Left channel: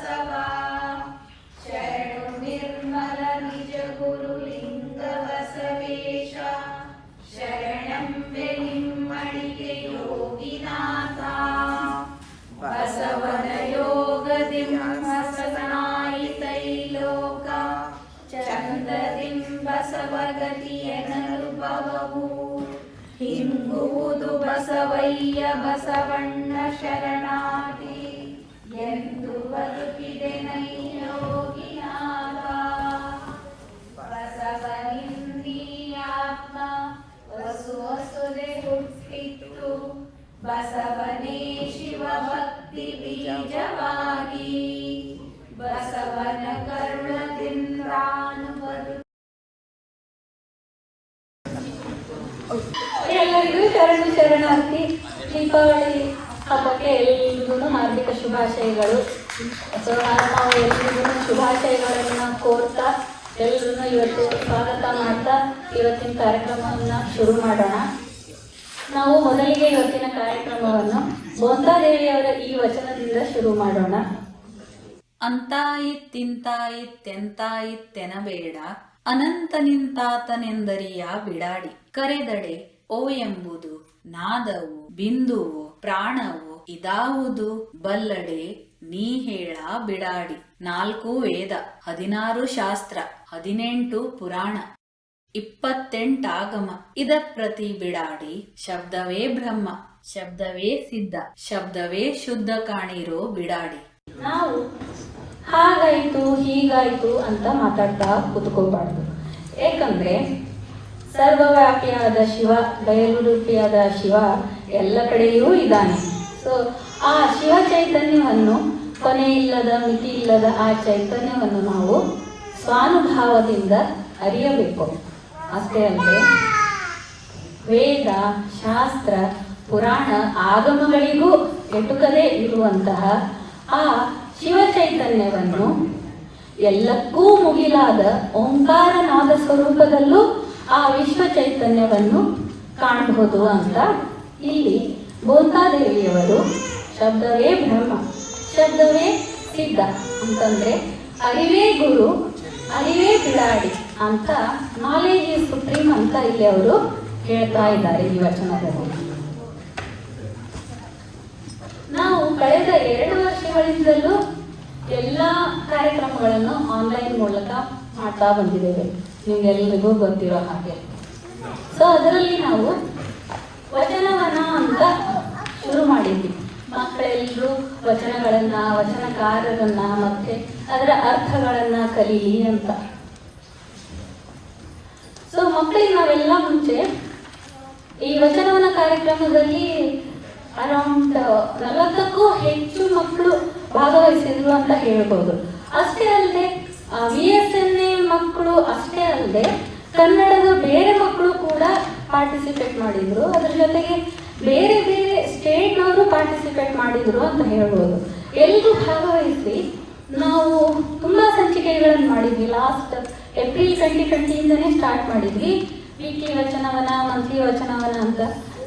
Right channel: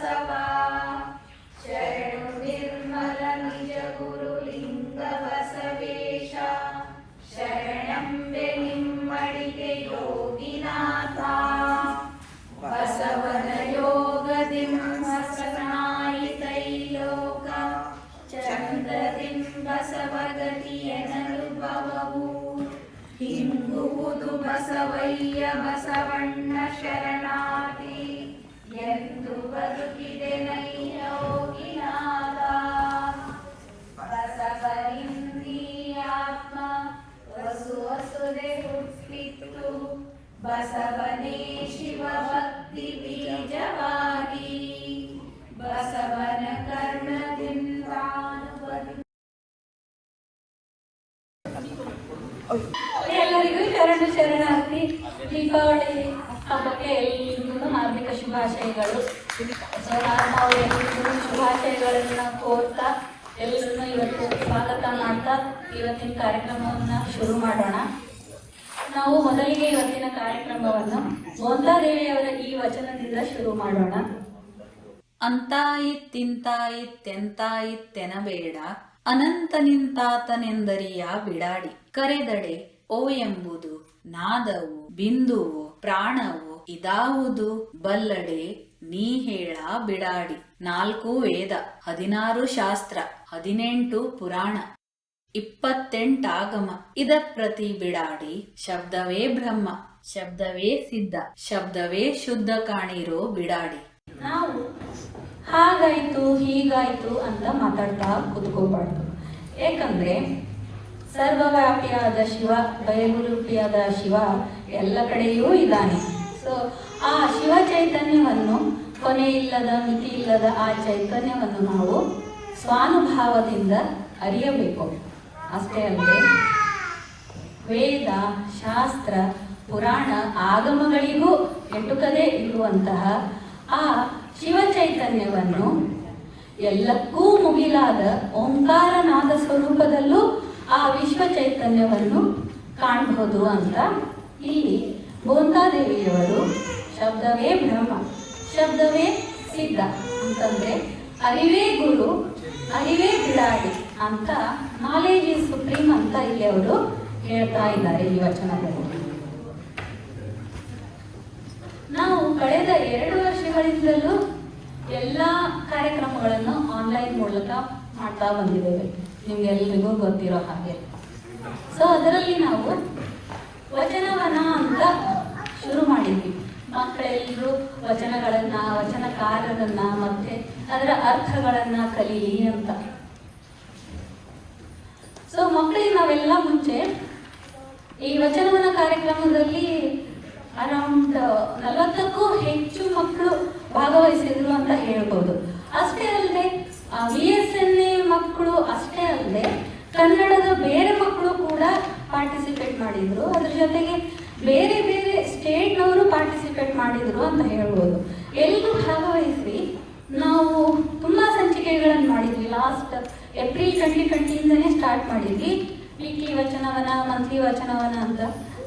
बसवा शरणु निर्मल निज गुरु लिंग बसवेश शरणं निम्मडिगे योगिनाथ बसवन योगदिं हसनाಯಿತೈಲೋಕ ಚಂದ್ರದಿಂ ಬಸವಗತಿಯನನುಭವವು ಹಿಂಗುವುದು ಬಸವಯ್ಯ ಬಸವಣ್ಣ ಶರಣಾಗಿ ಎಂದು ಬದುಕಿದೆ ನೈಲೋಗಿನಾಥ ಬಸವನಿಂದೀ ಆತ್ಮ ವಸು ವಸುದೆ ಹುಟ್ಟಿತ್ತು ಬಸವನೇ ಶಿವ ಭಕ್ತಿ ಬೀಜವಾಗಿ ಬಸವನ ಕರ್ಣದಿಂದಾನುಬದು. ಎಲ್ಲರಿಗೂ ಶರಣಾರ್ಥಿ ದೀಪಾವಳಿ ಹಬ್ಬಕ್ಕೆ ಎಲ್ಲರಿಗೂ ಹಾರ್ದಿಕ ಶುಭಾಶಯಗಳು. ನಾವು ಎಲ್ಲರಿಗೂ ಶುಭಾಶಯಗಳನ್ನು ಕೋರ್ತಾ ಎಲ್ಲರನ್ನು ಇವತ್ತು ಸ್ವಾಗತ ಮಾಡ್ತಾ ಇವತ್ತಿನ ಕಾರ್ಯಕ್ರಮವನ್ನು ಶುರು ಮಾಡೋಣ. ನಾವು ಮೊದಲಿಗೆ ಇವತ್ತಿನ ಕಾರ್ಯಕ್ರಮವನ್ನು ಬೋಂತಾದೇವಿಯವರ ಈ ವಚನದಿಂದ ಶುರು ಮಾಡೋಣ. ಅಂತಾಯಿತ್ತಿಂತಾಯಿತ್ತೆಂತಾಯಿತ್ತೆನಬೇಡ ಅನಂತ ನಿಂತಾತನೆಂದರಿಯ ಬಿಡಾಡಿ ಕರೆದಡೆ ಓ ಎಂಬುದು ನಾದವು ಬಿಂದುವು ಪ್ರಾಣವು ಇದಾವುದು ಬಲ್ಲಡೆ ನೀ ಹೇಳ ಬಿಡಾಡಿ. 4 ವೇದ 16 ಶಾಸ್ತ್ರ 18 ಪುರಾಣ 28 ಆಗಮ ಇದ ಪ್ರತಿ ಬಿಡಾಡಿ ಶಬ್ದವೇ ಬ್ರಹ್ಮ ಶಬ್ದವೇ ಸಿದ್ಧ ಶಬ್ದವೇ ಶುದ್ಧ ಕಾಣಿರೋ ಬಿಡಾಡಿ. ನಾವು ಹಾಗಾಯ್ತು ಹೀಗಾಯ್ತು ಅಂತ ಮಾತಾಡ್ತಾ ಕೂತ್ಕೋಬಾರ್ದು. ಏಕೆಂದ್ರೆ ಸರ್ವವ್ಯಾಪಿಯಾದ ಶಿವ ಬಯಲುರೂಪಿಯಾದ ಶಿವ ಎಲ್ಲ ಕಡೆಯೂ ಇದ್ದಾನೆ. ಸೊ ಆ ಶಿವ ಚೈತನ್ಯವನ್ನು ಕೊನೆ ಇಲ್ಲದ ಮಿತಿ ಇಲ್ಲದ ಆ ಚೈತನ್ಯವನ್ನು ನಾವು ಸ್ವಾನುಭಾವದಿಂದ ಅರಿಯಬೇಕು. ಅಷ್ಟೇ ಅಲ್ಲದೆ ವೇದ ಶಾಸ್ತ್ರ ಪುರಾಣ ಆಗಮಗಳಿಗೂ ಎಟುಕದೇ ಇರುವಂತಹ ಆ ಶಿವ ಚೈತನ್ಯವನ್ನು ಎಲ್ಲಕ್ಕೂ ಮುಗಿಲಾದ ಓಂಕಾರನಾದ ಸ್ವರೂಪದಲ್ಲೂ ಆ ವಿಶ್ವ ಚೈತನ್ಯವನ್ನು ಕಾಣಬಹುದು ಅಂತ ಇಲ್ಲಿ ಬೋಂತಾದೇವಿಯವರು ಶಬ್ದವೇ ಬ್ರಹ್ಮ ಶಬ್ದವೇ ಸಿದ್ಧ ಅಂತಂದ್ರೆ ಅರಿವೇ ಗುರು ಅರಿವೇ ಬಿಡಾಡಿ ಅಂತ ನಾಲೆಜ್ ಈಸ್ ಸುಪ್ರೀಂ ಅಂತ ಇಲ್ಲಿ ಅವರು ಹೇಳ್ತಾ ಇದ್ದಾರೆ ಈ ವಚನದಲ್ಲಿ. ನಾವು ಕಳೆದ 2 ವರ್ಷಗಳಿಂದಲೂ ಎಲ್ಲ ಕಾರ್ಯಕ್ರಮಗಳನ್ನು ಆನ್ಲೈನ್ ಮೂಲಕ ಮಾಡ್ತಾ ಬಂದಿದ್ದೇವೆ, ನಿಮ್ಗೆಲ್ಲರಿಗೂ ಗೊತ್ತಿರೋ ಹಾಗೆ. ಸೊ ಅದರಲ್ಲಿ ನಾವು ವಚನವನ ಅಂತ ಶುರು ಮಾಡಿದ್ವಿ. ಮಕ್ಕಳೆಲ್ಲರೂ ವಚನಕಾರರನ್ನ ಮತ್ತೆ ಅದರ ಅರ್ಥಗಳನ್ನ ಕಲೀಲಿ ಅಂತ. ಸೊ ಮಕ್ಕಳಿಗೆ ನಾವೆಲ್ಲ ಮುಂಚೆ ಈ ವಚನವನ ಕಾರ್ಯಕ್ರಮದಲ್ಲಿ ಅರೌಂಡ್ 40ಕ್ಕೂ ಹೆಚ್ಚು ಮಕ್ಕಳು ಭಾಗವಹಿಸಿದ್ರು ಅಂತ ಹೇಳ್ಬೋದು. ಅಷ್ಟೇ ಅಲ್ಲದೆ VSNA ಮಕ್ಕಳು ಅಷ್ಟೇ ಅಲ್ಲದೆ ಕನ್ನಡದ ಬೇರೆ ಮಕ್ಕಳು ಕೂಡ ಪಾರ್ಟಿಸಿಪೇಟ್ ಮಾಡಿದ್ರು. ಅದ್ರ ಜೊತೆಗೆ ಬೇರೆ ಬೇರೆ ಸ್ಟೇಟ್ನವರು ಪಾರ್ಟಿಸಿಪೇಟ್ ಮಾಡಿದ್ರು ಅಂತ ಹೇಳ್ಬೋದು. ಎಲ್ಲರೂ ಭಾಗವಹಿಸಿ ನಾವು ತುಂಬಾ ಸಂಚಿಕೆಗಳನ್ನು ಮಾಡಿದ್ವಿ. ಲಾಸ್ಟ್ ಏಪ್ರಿಲ್ 2020 ಸ್ಟಾರ್ಟ್ ಮಾಡಿದ್ವಿ ವೀಕ್ಲಿ ವಚನವನ ಮಂತ್ಲಿ ವಚನವನ ಅಂತ.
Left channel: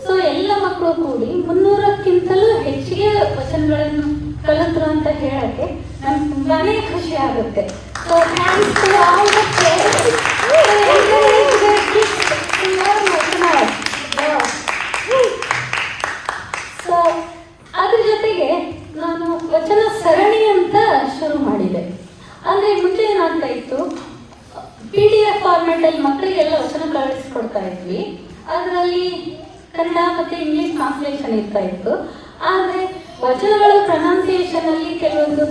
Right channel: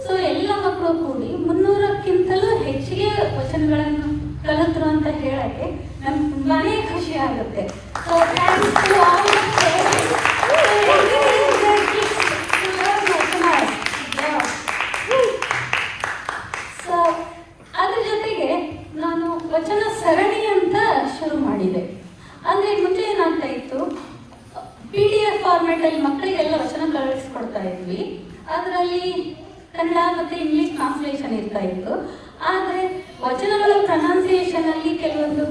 ಸೊ ಎಲ್ಲ ಮಕ್ಕಳು ಕೂಡಿ 300ಕ್ಕಿಂತಲೂ ಹೆಚ್ಚಿಗೆ ವಚನಗಳನ್ನು ಕಲಿತರು ಅಂತ ಹೇಳಕ್ಕೆ ನಮ್ಗೆ ತುಂಬಾನೇ ಖುಷಿ ಆಗುತ್ತೆ. So thanks to all the parents. So ಅದ್ರ ಜೊತೆಗೆ ನಾನು ವಚನ ಸರಣಿ ಅಂತ ಶುರು ಮಾಡಿದೆ. ಅಂದ್ರೆ ಮುಂಚೆ ಏನಾಗ್ತಾ ಇತ್ತು, PDF ಫಾರ್ಮ್ಯಾಟ್ ಅಲ್ಲಿ ಮಕ್ಕಳಿಗೆಲ್ಲ ವಚನ ಕಳಿಸ್ಕೊಡ್ತಾ ಇದ್ವಿ. ಅದರಲ್ಲಿ ಕನ್ನಡ ಮತ್ತೆ ಇಂಗ್ಲಿಷ್ ಟ್ರಾನ್ಸ್ಲೇಷನ್ ಇರ್ತಾ ಇತ್ತು. ಆದರೆ ವಚನಗಳ ಪ್ರೊನೌನ್ಸಿಯೇಷನ್ ಅಲ್ಲಿ ಕೆಲವೊಂದು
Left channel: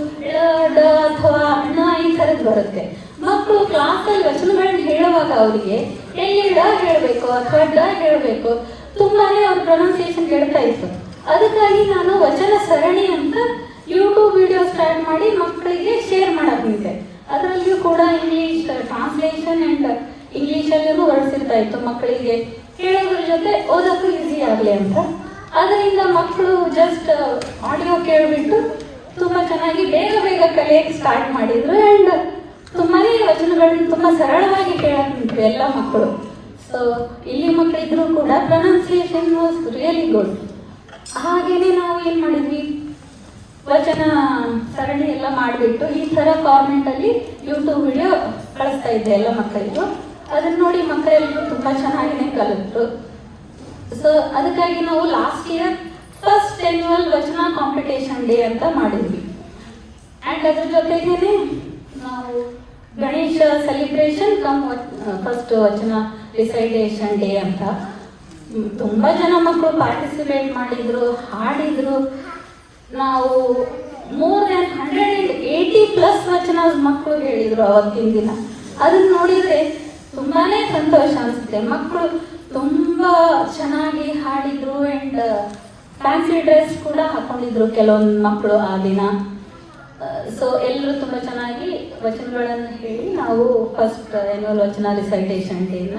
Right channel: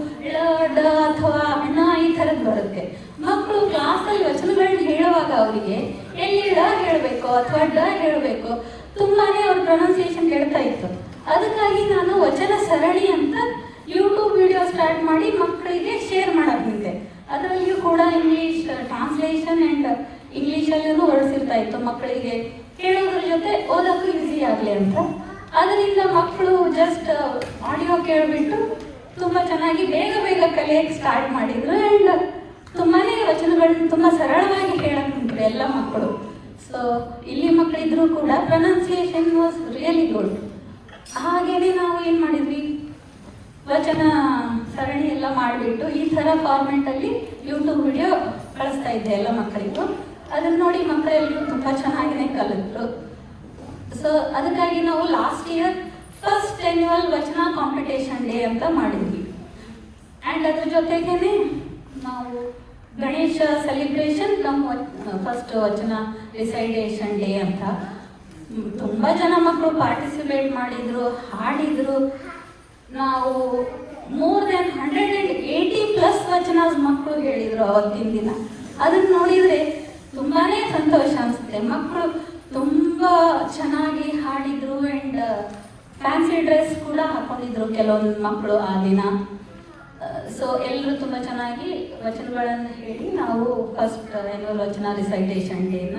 ಡ ಅಥವಾ ಅಣ್ಣ ಈ ಥರದ್ದು ಬರುತ್ತೆ. ಮಕ್ಕಳು ಕ್ಲಾಸಲ್ಲಿ ವಚನಗಳನ್ನ ಹೇಳುವಾಗ ಅವರಿಗೆ ಎಲ್ಲಿ ಡ ಹೇಳಬೇಕು ಅಥವಾ ಡ ಹೇಳಬೇಕು ತುಂಬಾನೇ ಅವ್ರ ಪ್ರೊನೌನ್ಸಿಯೇಷನ್ ಕೇಳ್ತಾ ಇತ್ತು. ಅದಕ್ಕಾಗಿ ನಾನು ವಚನ ಸರಣಿ ಅಂತ ಯೂಟ್ಯೂಬ್ ವಿಡಿಯೋ ಸ್ಟಾರ್ಟ್ ಮಾಡಿ ಮಕ್ಕಳಿಗೆ ಶೇರ್ ಮಾಡಕ್ಕಿದ್ದೆ. ಅದರಲ್ಲಿಯೂ ಕೂಡ ಇಂಗ್ಲಿಷ್ ಟ್ರಾನ್ಸ್ಲೇಷನ್ ಅಂಡ್ ಇಂಗ್ಲಿಷಲ್ಲೂ ಹೊರಡಿಸಿರ್ತಾ ಇತ್ತು ಮಕ್ಕಳಿಗೆ ಹೇಳೋದ್ರ ಜೊತೆ ಓದೋಕ್ಕೂ ಈಸಿ ಆಗಲಿ ಅಂತ. ಅದರಿಂದ ಮಕ್ಕಳು ಜಸ್ಟ್ ಆಡಿಯೋ ಕೇಳಿಬಿಟ್ಟು ತುಂಬ ಚೆನ್ನಾಗಿ ಬೇಗ ಬೇಗ ಕಲಿಯಕ್ಕೆ ಸ್ಟಾರ್ಟ್ ಮಾಡಿದ್ರು. ಆ್ಯಂಡ್ ತುಂಬಾನೇ ವಚನಗಳನ್ನ ತುಂಬ ಸರಳವಾಗಿ ಕೇಳಕ್ಕೆ ಎಲ್ಲ ಮಕ್ಕಳು. ಸೊ ಇಲ್ಲಿ ಮಕ್ಕಳಿದ್ರು ಕೂಡ ಪ್ರೊನೌನ್ಸಿಯೇಷನ್ ವಾಸ್ ರಿಯಲಿ ಗುಡ್. ಹಾಗೇನೆ ನಾವು ಏನು ಮಾಡಿದ್ವಿ, ವಚನ ಸರಣಿ ಎಲ್ಲ ಮಾಡಿ ಮಾಡಿಬಿಟ್ಟು ಈ ಥರ ಫಾರ್ಮೆಟಲ್ಲಿ ಯೂಟ್ಯೂಬ್ ವಿಡಿಯೋ ಕಳಿಸ್ತಾ ಇದ್ದೆ ಎಲ್ಲ ಮಕ್ಕಳಿಗೂ. ಅದನ್ನ ನೋಡಿ ಮಕ್ಕಳೆಲ್ಲರೂ ತುಂಬ ಚೆನ್ನಾಗಿನೇ ಕಲಿತರು. ಸೊ ಅದಕ್ಕಾಗಿ ನಾವು ಲಾಸ್ಟ್ ಇಯರ್ ಫಸ್ಟ್ ಆನ್ಯುವಲ್ ವಚನ ಕಾಂಪಿಟೇಷನ್ ಡೇ ಅಂತ ಮಾಡಿದ್ವಿ. ಆ್ಯಂಡ್ ಅದ್ರ ಜೊತೆಗೇನೆ ನಾವು ಗಣೇಶ ಸೆಲಿಬ್ರೇಷನ್ ಫಸ್ಟ್ ವಚನ ರಿಸೈಟೇಷನ್ ಡೇ ಅಂತ ತುಂಬ ಜನ ಮಕ್ಕಳು ಪಾರ್ಟಿಸಿಪೇಟ್ ಮಾಡಿದ್ರು, ಹಾಡಿದ್ರು. ನಾವು ಮೋರ್ ದೆನ್ 180+ ವಚನ ಮಕ್ಕಳು ಹೇಳಿದರು ಅವತ್ತಿನ ದಿನ. ಅದನ್ನ ನೋಡಿದರೆ ತುಂಬಾ ಸಂತೋಷ ಅನಿಸುತ್ತೆ. ಮಕ್ಕಳು ತುಂಬ ಚೆನ್ನಾಗಿ ಹಾಡಿದ್ರು ಆ್ಯಂಡ್ ಫ್ಯಾನ್ಸಿ ಡ್ರೆಸ್ ಕೂಡ ಹಾಕೊಂಡಿದ್ರು ಕೆಲವೊಂದು ಮಕ್ಕಳು ಆ ದಿನ. ಸೊ ಎಲ್ಲರೂ ತುಂಬ ಚೆನ್ನಾಗಿ ವಚನಗಳನ್ನು ಹೇಳಿ ನಾವು ಫಸ್ಟ್ ಆನ್ಯುವಲ್ ವಚನ ರಿಸೈಟೇಷನ್ ಡೇನ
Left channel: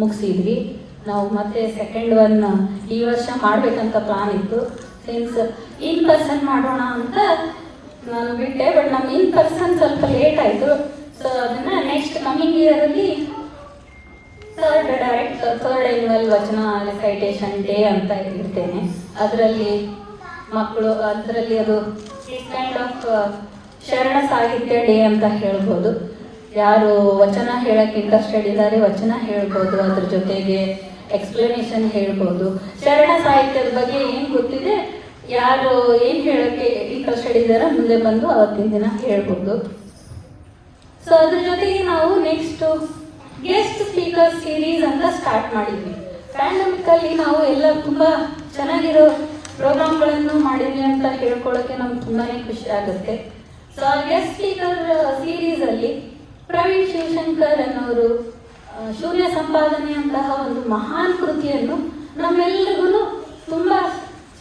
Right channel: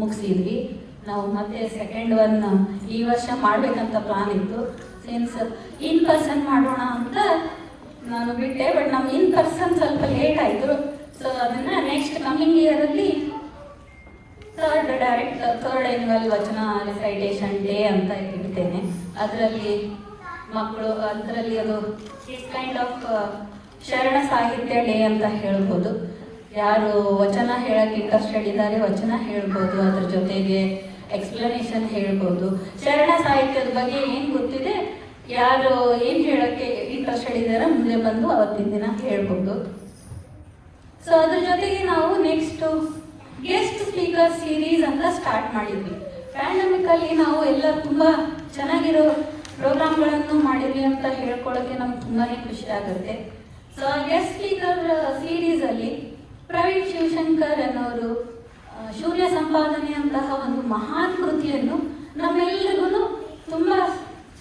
ಮುಗಿಸಿದ್ವಿ. ನಾವು ಮತ್ತೆ ಸೆಕೆಂಡ್ ಒನ್ ಈ ವರ್ಷ ಮಾಡಬೇಕಂತ ಪ್ಲಾನ್ ಇತ್ತು. ಸಿನ್ಸ್ ಇನ್ ಪರ್ಸನ್ ಮಾಡೋಣ ಅಂತ ನಾನು ಬಿಟ್ಟೆ, ಬಟ್ ನಮ್ಮ ಇನ್ ಪರ್ಸನ್ ಸ್ವಲ್ಪ ಲೇಟ್ ಆಯಿತು. ಸೊ ಅದನ್ನು ನೆಕ್ಸ್ಟ್ ಕಮಿಂಗ್ ಇಯರಲ್ಲಿ ಥರ್ಡ್ ಆನ್ಯುವಲ್ ವಚನ ರಿಸೈಟೇಷನ್ ಡೇ ಅಂತ ಇರ್ತೇನೆ. ಅದರಲ್ಲಿ ಮಕ್ಕಳು ಅದು kind of Sharana Sahitya day ಅಂತ ಹೇಳ್ಬೋದು. ಯಾರು ವಚನ ಹೇಳಕ್ಕೆ ಇಂಟ್ರೆಸ್ಟೆಡ್ ಇದ್ದಾರೆ ವಚನ ಹೇಳ್ಬೋದು, ಅದ್ರ ಜೊತೆಗೆ ಎಕ್ಸ್ಪ್ಲನೇಷನ್ ಹೇಳ್ಬೋದು. ಶರಣ ಸಾಹಿತ್ಯದ ಬಗ್ಗೆ ಏನು ಗೊತ್ತಿದೆ, ಯಾರು ಏನು ಹೇಳಕ್ಕೆ ಇಂಟ್ರೆಸ್ಟೆಡ್ ಇದ್ದಾರೆ ಮುಂದೆ ಬಂದು ಅವತ್ತಿನ ದಿನ ಹೇಳ್ಬೋದು. ಸೊ ಅದ್ರ ಜೊತೆಗೆ ನಾವು ನೆಕ್ಸ್ಟ್ ಗೆಸ್ಟ್ ಸ್ಪೀಕರ್ ಸೀರೀಸ್ ಅಂತ ಸ್ಟಾರ್ಟ್ ಮಾಡಿದ್ವಿ. ಪ್ಯಾಂಡಮಿಕಲ್ಲಿ ನಾವು ಎಲ್ಲ ತುಂಬ ಚೆನ್ನಾಗಿರೋ ಪ್ರೋಗ್ರಾಮ್ಗಳನ್ನು ಮಾಡಿದ್ವಿ ಅಂತ ಹೇಳ್ಕೊಳ್ಳೋಕ್ಕೆ ನಮ್ಗೆ ತುಂಬಾ ಖುಷಿ ಆಗುತ್ತೆ. ಸೊ ಆ ಗೆಸ್ಟ್ ಸ್ಪೀಕರ್ ಸೀರೀಸಲ್ಲಿ ಪ್ರವೀಣ್ ಶಿವಶಂಕರ್ ಅನ್ನೋರು ಶೂನ್ಯ ಸಂಪಾದನೆಯಂತಹ ಒಂದು ಮಹಾನ್ ಕೃತಿಯನ್ನು ನಮ್ಮೆಲ್ಲರಿಗೂ ತುಂಬ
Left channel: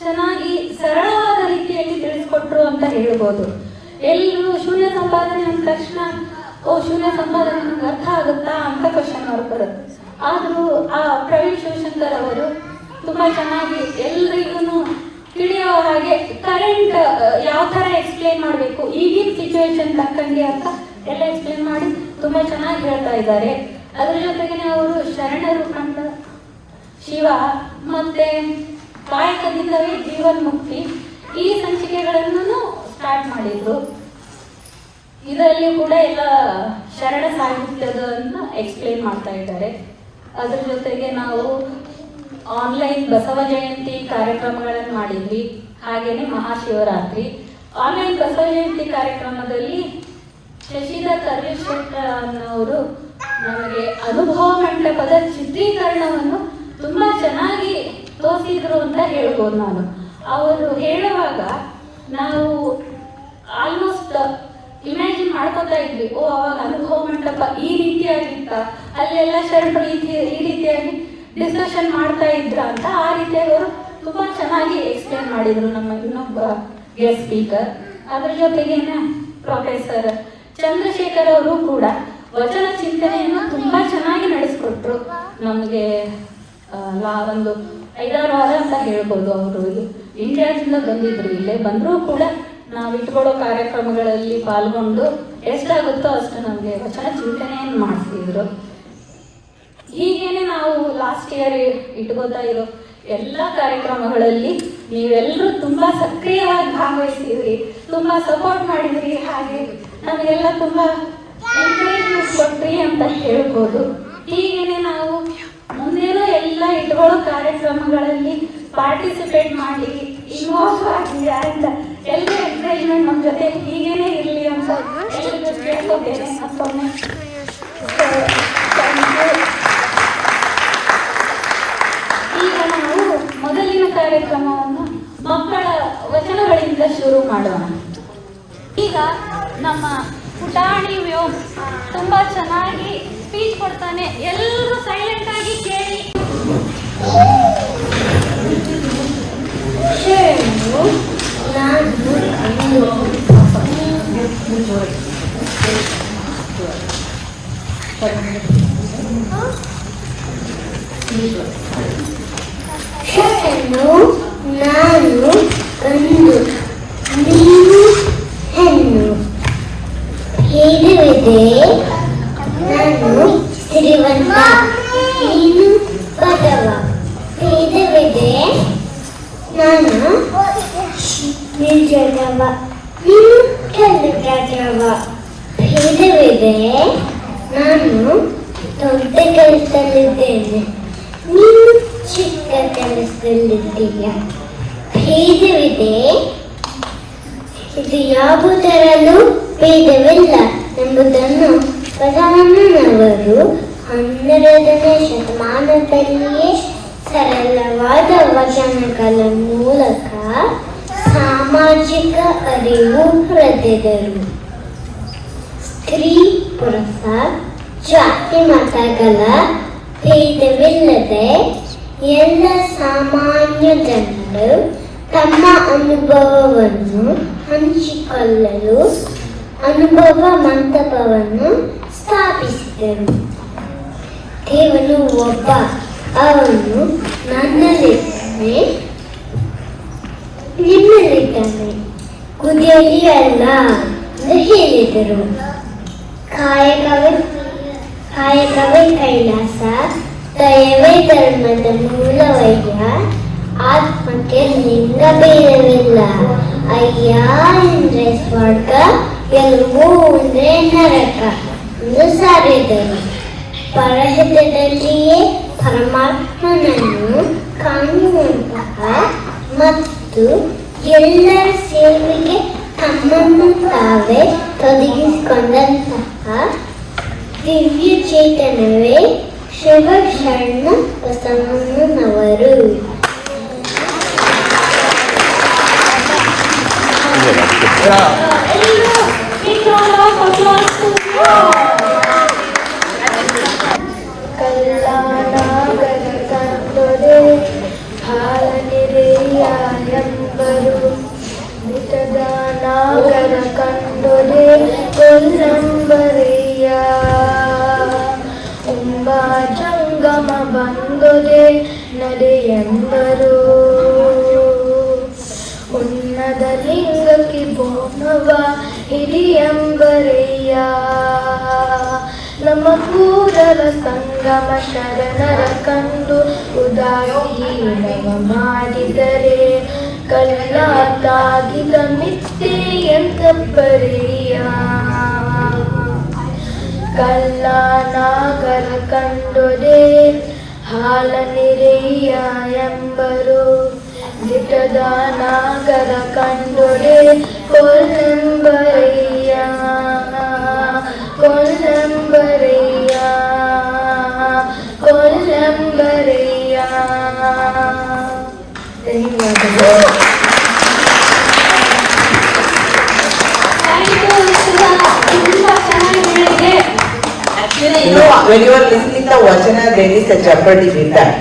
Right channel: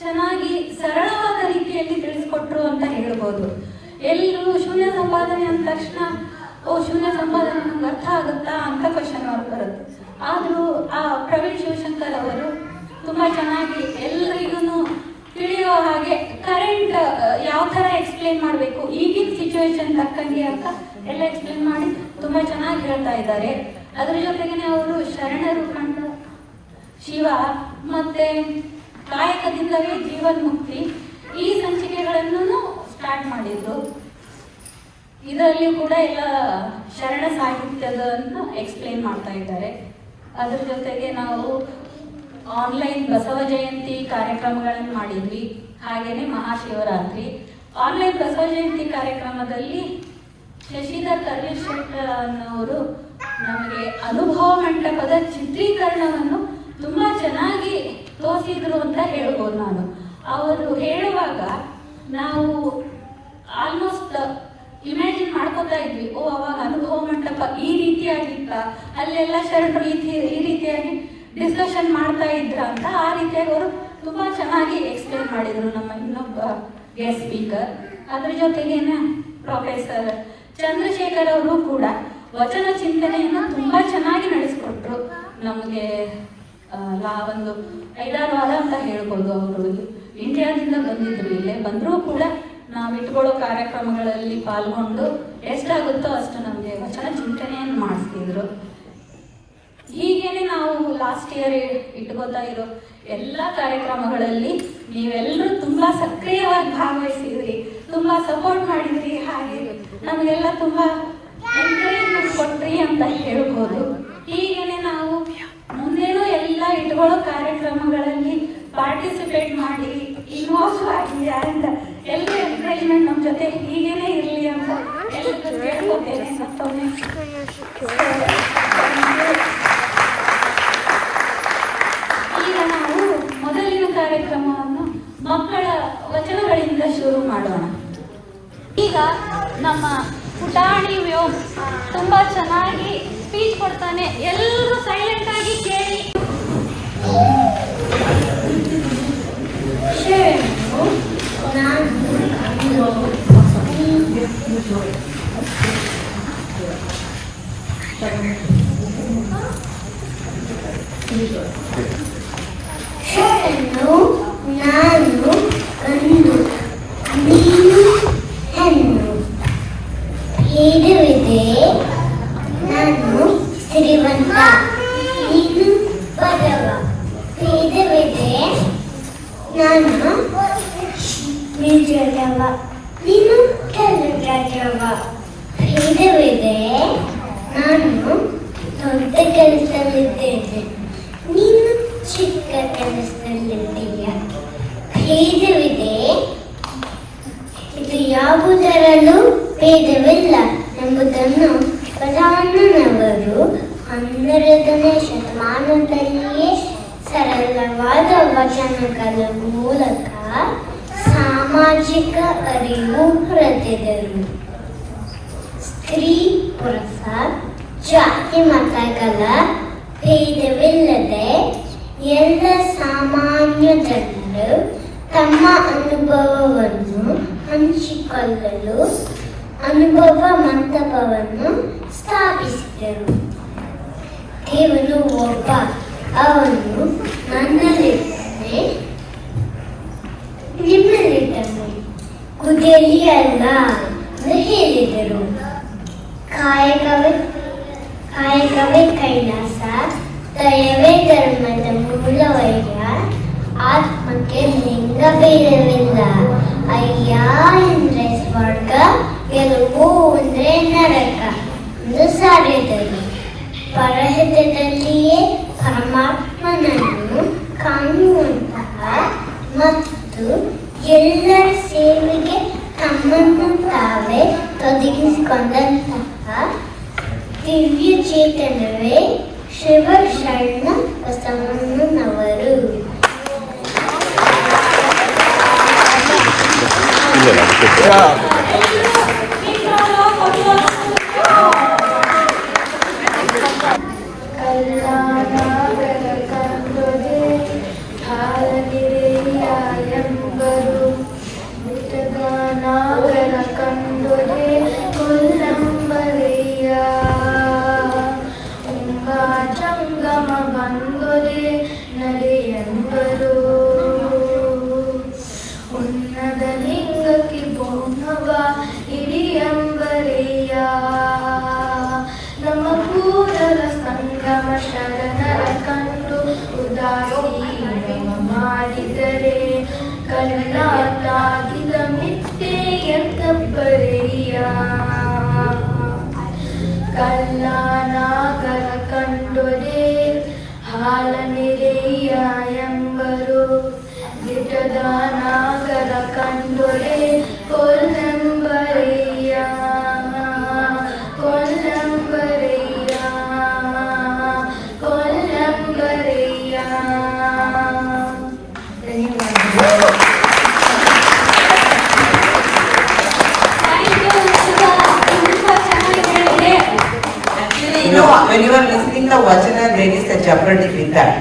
ಚೆನ್ನಾಗಿ ಸರಳವಾದ ರೀತಿಯಲ್ಲಿ ತಿಳಿಸ್ಕೊಟ್ರು ಅಂತ ಹೇಳ್ಬೋದು. ಎಲ್ಲರೂ ಶೂನ್ಯ ಸಂಪಾದನೆ ಅಂದ ತಕ್ಷಣ ಶೂನ್ಯ ಸಂಪಾದನೆ ನಮ್ಗೆ ಅರ್ಥ ಆಗುತ್ತಾ ಅಂತ ಕ್ವಶನ್ ಮಾರ್ಕ್ ಬರುತ್ತೆ. ಆದರೂ ಆ ಪ್ರವೀಣ್ ಶಿವಶಂಕರ್ ಅವರು ತುಂಬ ಚೆನ್ನಾಗಿ ಎಲ್ರಿಗೂ ತಿಳಿಯೋ ಹಾಗೆ ಕರೆಂಟ್ ಯಾವ ಥರ ಎಕ್ಸ್ಪ್ಲೇನ್ ಮಾಡಬೇಕು, ಈಗಿನ ಸಿಚುವೇಶನ್ ತಕ್ಕಂಗೆ ಅಂತ ಎಲ್ಲ ಎಕ್ಸ್ಪ್ಲೇನ್ ಮಾಡಿ ತುಂಬ ಚೆನ್ನಾಗಿ ಹೇಳ್ತಾ ಇದ್ದಾರೆ. ಅದ್ರ ಜೊತೆಗೆ ಅವರು ಶರಣರು ಕಂಡ ಶಿವ ಮತ್ತೆ ಕಾಯಕದಿಂದಲೇ ಜೀವನ್ಮುಕ್ತಿ ಈ ಸಂಚಿಕೆಗಳನ್ನು ಸ್ಟಾರ್ಟ್ ಮಾಡಿದ್ರು. ಇದರಲ್ಲಿ ಕೂಡ ಎಲ್ಲ ಶರಣ ಸಾಹಿತ್ಯದನ್ನು ಎಕ್ಸ್ಪ್ಲೇನ್ ಮಾಡ್ತಾ ಇದ್ದಾರೆ. ಅದ್ರ ಜೊತೆಗೆ ನಾವು ಆನ್ಲೈನ್ ಬಸವ ಜಯಂತಿ ಕಾರ್ಯಕ್ರಮಗಳನ್ನು ಮಾಡಿದ್ವಿ. ಹಾಗೆಯೇ ಮಹಾಶಿವರಾತ್ರಿ ಆನ್ಲೈನ್ ಬಸವ ಜಯಂತಿ ಕಾರ್ಯಕ್ರಮದಲ್ಲಿ ಶಶಿಧರ್ ಕರ್ವೇಶ್ವರ ಅನ್ನೋರು ನಮಗೆ ಅನುಭವ ಮಂಟಪದ ಚಿತ್ರೀಕರಣವನ್ನು ತುಂಬ ಚೆನ್ನಾಗಿ ತೋರಿಸಿದ್ರು ಅಂತ ಹೇಳ್ಬೋದು. ನಾನು ಅವರು ಹೇಳುವಾಗ ನಾವು ಆಲ್ಮೋಸ್ಟ್ ಇಮ್ಯಾಜಿನ್ ಮಾಡ್ಕೊತಾ ಇದ್ವಿ, ಅವಾಗ ಅನುಭವ ಮಂಟಪ ಈ ರೀತಿಯಾಗಿತ್ತ, ಅಲ್ಲೆಲ್ಲ ಶರಣರು ಈ ರೀತಿಯಾಗಿ ಡಿಸ್ಕಷನ್ ಮಾಡ್ತಾ ಇದ್ರ ಅಂತ. ಆ ರೀತಿಯಾಗಿ ಅವರು ತುಂಬ ಚೆನ್ನಾಗಿ ಎಕ್ಸ್ಪ್ಲೇನ್ ಮಾಡಿದ್ರು ನಮ್ಮ ಇನ್ನೊಬ್ಬ ಗೆಸ್ಟ್ ಸ್ಪೀಕರ್. ಅದ್ರ ಜೊತೆಗೇನೆ ಪ್ರೊಫೆಸರ್ ಚಂದ್ರಶೇಖರ್ ಅವರು ಕೂಡ ವಚನ ಚಿಂತನೆಯನ್ನು ತುಂಬ ಚೆನ್ನಾಗಿ ನಡೆಸ್ಕೊಟ್ರು ನಮಗೆ. ಒಂದು 5-6 ವಾರ ಅಂತ ಹೇಳ್ಬೋದು. ಅವರು ಇಂಡಿಯಾದಿಂದ ಬಂದಿದ್ರು, ಇಲ್ಲೇ ಬಂದರೂ ಕೂಡ ನಾವು ಇಟ್ಕೊಳ್ಳೋ ಕಾರ್ಯಕ್ರಮಗಳಲ್ಲಿ ಪಾಲ್ಗೊಂಡು ಎಷ್ಟಾಗುತ್ತೋ ಅಷ್ಟು ನಮಗೆ ವಚನ ಚಿಂತನೆಯನ್ನು ಮಾಡಿಸ್ತಿದ್ರು. ಹೀಗೇನೆ ನಾವು ಲಾಸ್ಟ್ ಇಯರ್ ಇಟ್ಕೋತಾ ಇರೋ ಎಲ್ಲ ಕಾರ್ಯಕ್ರಮಗಳಲ್ಲಿ ನೀವೆಲ್ಲರೂ ತುಂಬ ಸಕ್ರಿಯವಾಗಿ ಭಾಗವಹಿಸಿದ್ರಿ, ತುಂಬ ಸಪೋರ್ಟ್ ಮಾಡಿದ್ರಿ, ಹಾಗೆ ನಮಗೆಲ್ಲ ತುಂಬ ಎನ್ಕರೇಜ್ಮೆಂಟ್ ಕೊಟ್ರಿ ಅಂತ ಹೇಳ್ಬೋದು. ಹೀಗೇನೆ ನಾವು ಮುಂದೇನೂ ಎಲ್ಲ ಇಟ್ಕೊಳ್ಳೋ ಕಾರ್ಯಕ್ರಮಗಳಲ್ಲಿ ಪಾರ್ಟಿಸಿಪೇಟ್ ಮಾಡಿ ಇನ್ವಾಲ್ವ್ ಆಗಿ ಅಂತ ಎಲ್ಲರೂ ಎನ್ಕರೇಜ್ಮೆಂಟ್ ನಮ್ಮ ಜೊತೆ ಹೀಗೇನೆ ಇರಲಿ ಅಂತ ಕೇಳ್ಕೊತೇನೆ. ಈಗ ನಾವು ಮೊದಲಿನ ಕಾರ್ಯಕ್ರಮವನ್ನು ಮಕ್ಕಳ ವಚನಗಳಿಂದ ಶುರು ಮಾಡೋಣ. ಈಗ ನಮ್ಮ ಪುಟಾಣಿ ವ್ಯೋಮ್ ತುಂಬ ಚೆನ್ನಾಗಿ ಸ್ಪೀಚ್ ಕೊಡ್ತಾನೆ. ಎಲ್ಲರೂ ಸೈಲೆಂಟ್ ಆಗಿ ಕೇಳಿ. ನಾನು ಅಂದು ನೀನು ಹೆಣ್ಣು ಹೇಳುವಿದೆ ನಾನು ಸಿರಿವಂತ ನೀನು ಬಡವ ಹೇಳುವಿದೆ ನಾನು ನಿರ್ಜನವ ನೀನು ಕೆಲಸವ ಭೇದವಿದೆ. ನಾನು ದೊಡ್ಡ ಕೆಲಸದಲ್ಲಿದ್ದೇನೆ, ನೀನು ಚಿಕ್ಕ ಕೆಲಸದಲ್ಲಿದ್ದೀಯ. ಭೇದವಿದೆ, ಇದು ಯಾವುದರಲ್ಲೂ ಭೇದವಿಲ್ಲ ಎಂಬುದನ್ನು ಪ್ರಧಾನನವರು 12ನೇ ಶತಮಾನದಲ್ಲಿಯೇ ಸರಳವಾದ ವಚನಗಳ ಮೂಲಕ ಸಾಮಾಜಿಕ ಅರಿವು ಹೊರತೆದರು. ಸ್ತ್ರೀ ಪುರುಷ ಜಾತಿ ಮತಗಳ ಭೇದವಿಲ್ಲದೆ ಎಲ್ಲ ಸಾಮಾನ್ಯ ಜನರು ತಮ್ಮ ಅನುಭವವನ್ನು ಹಂಚಿಕೊಳ್ಳಲು ಅನುಭವ ಮಂಟಪವನ್ನು ಸ್ಥಾಪಿಸಿದರು. ದೇವರು ಒಬ್ಬ, ಅವನು ನನ್ನಲ್ಲಿದ್ದಾನೆ, ನಿಮ್ಮಲ್ಲಿದ್ದಾನೆ, ಗುದಿಯಲ್ಲಿ ಅಲ್ಲ ಎಂದು ಹೇಳಿದರು. ಕಾಯಕವೇ ಕೈಲಾಸ, ದಯವೇ ಧರ್ಮದ ಮೂಲವಯ್ಯ. ಆತ್ಮಕ್ಕೆ ಲಿಂಗ ಭೇದವಿಲ್ಲ. ಅಯ್ಯ ಎಂದ್ರೆ ಸ್ವರ್ಗ, ಗೆಲುವು ಅಂದ್ರೆ ನರಕ ಎಂದು ಸಾರಿದರು. ಪರಹಿತದಲ್ಲಿಯೇ ಪರಮಾತ್ಮನನ್ನು ಕಾಣುವಂತಹ ಮತ್ತು ಎಲ್ಲರ ಸೇವೆಗೆ ತಮ್ಮನ್ನು ತಾವೇ ತೊಡಗಿಸಿಕೊಂಡಂತಹ ದಿವ್ಯ ಚೇತನವೇ ಶಿವಶರಣ ಬಸವಣ್ಣನವರು. ನಡೆಯಂಬರು ಉನ್ನತ ಲಿಂಗಕ್ಕೆ ಬೋನುವ ಹಿಡಿಯಂಬರೆಯ. ನಮ್ಮ ಕೂದಲ ಸಂಗಮ ಶರಣರ ಕಂಡು ಉದಾಸೀನ ಮಾಡಿದರೆ ಕಲ್ಲಾಗಿದ ನಿತ್ಯ ಎಂತಬ್ಬರೆಯ. ಕಲ್ಲಾನಾಗರ ಕಂಡೊರೆ ಹಾಲ ನಿರೆಯ ಎಂಬರು. ಗಿಟದ ನಾಗರ ಕಂಡೊರೆ ಕೊಲ್ಲಂಬರೆಯ, ಕೊಲ್ಲಂಬರೆಯ, ಕೊಲ್ಲಂಬರೆಯ. When you are listening to Vachana, there is a jeopardy with that.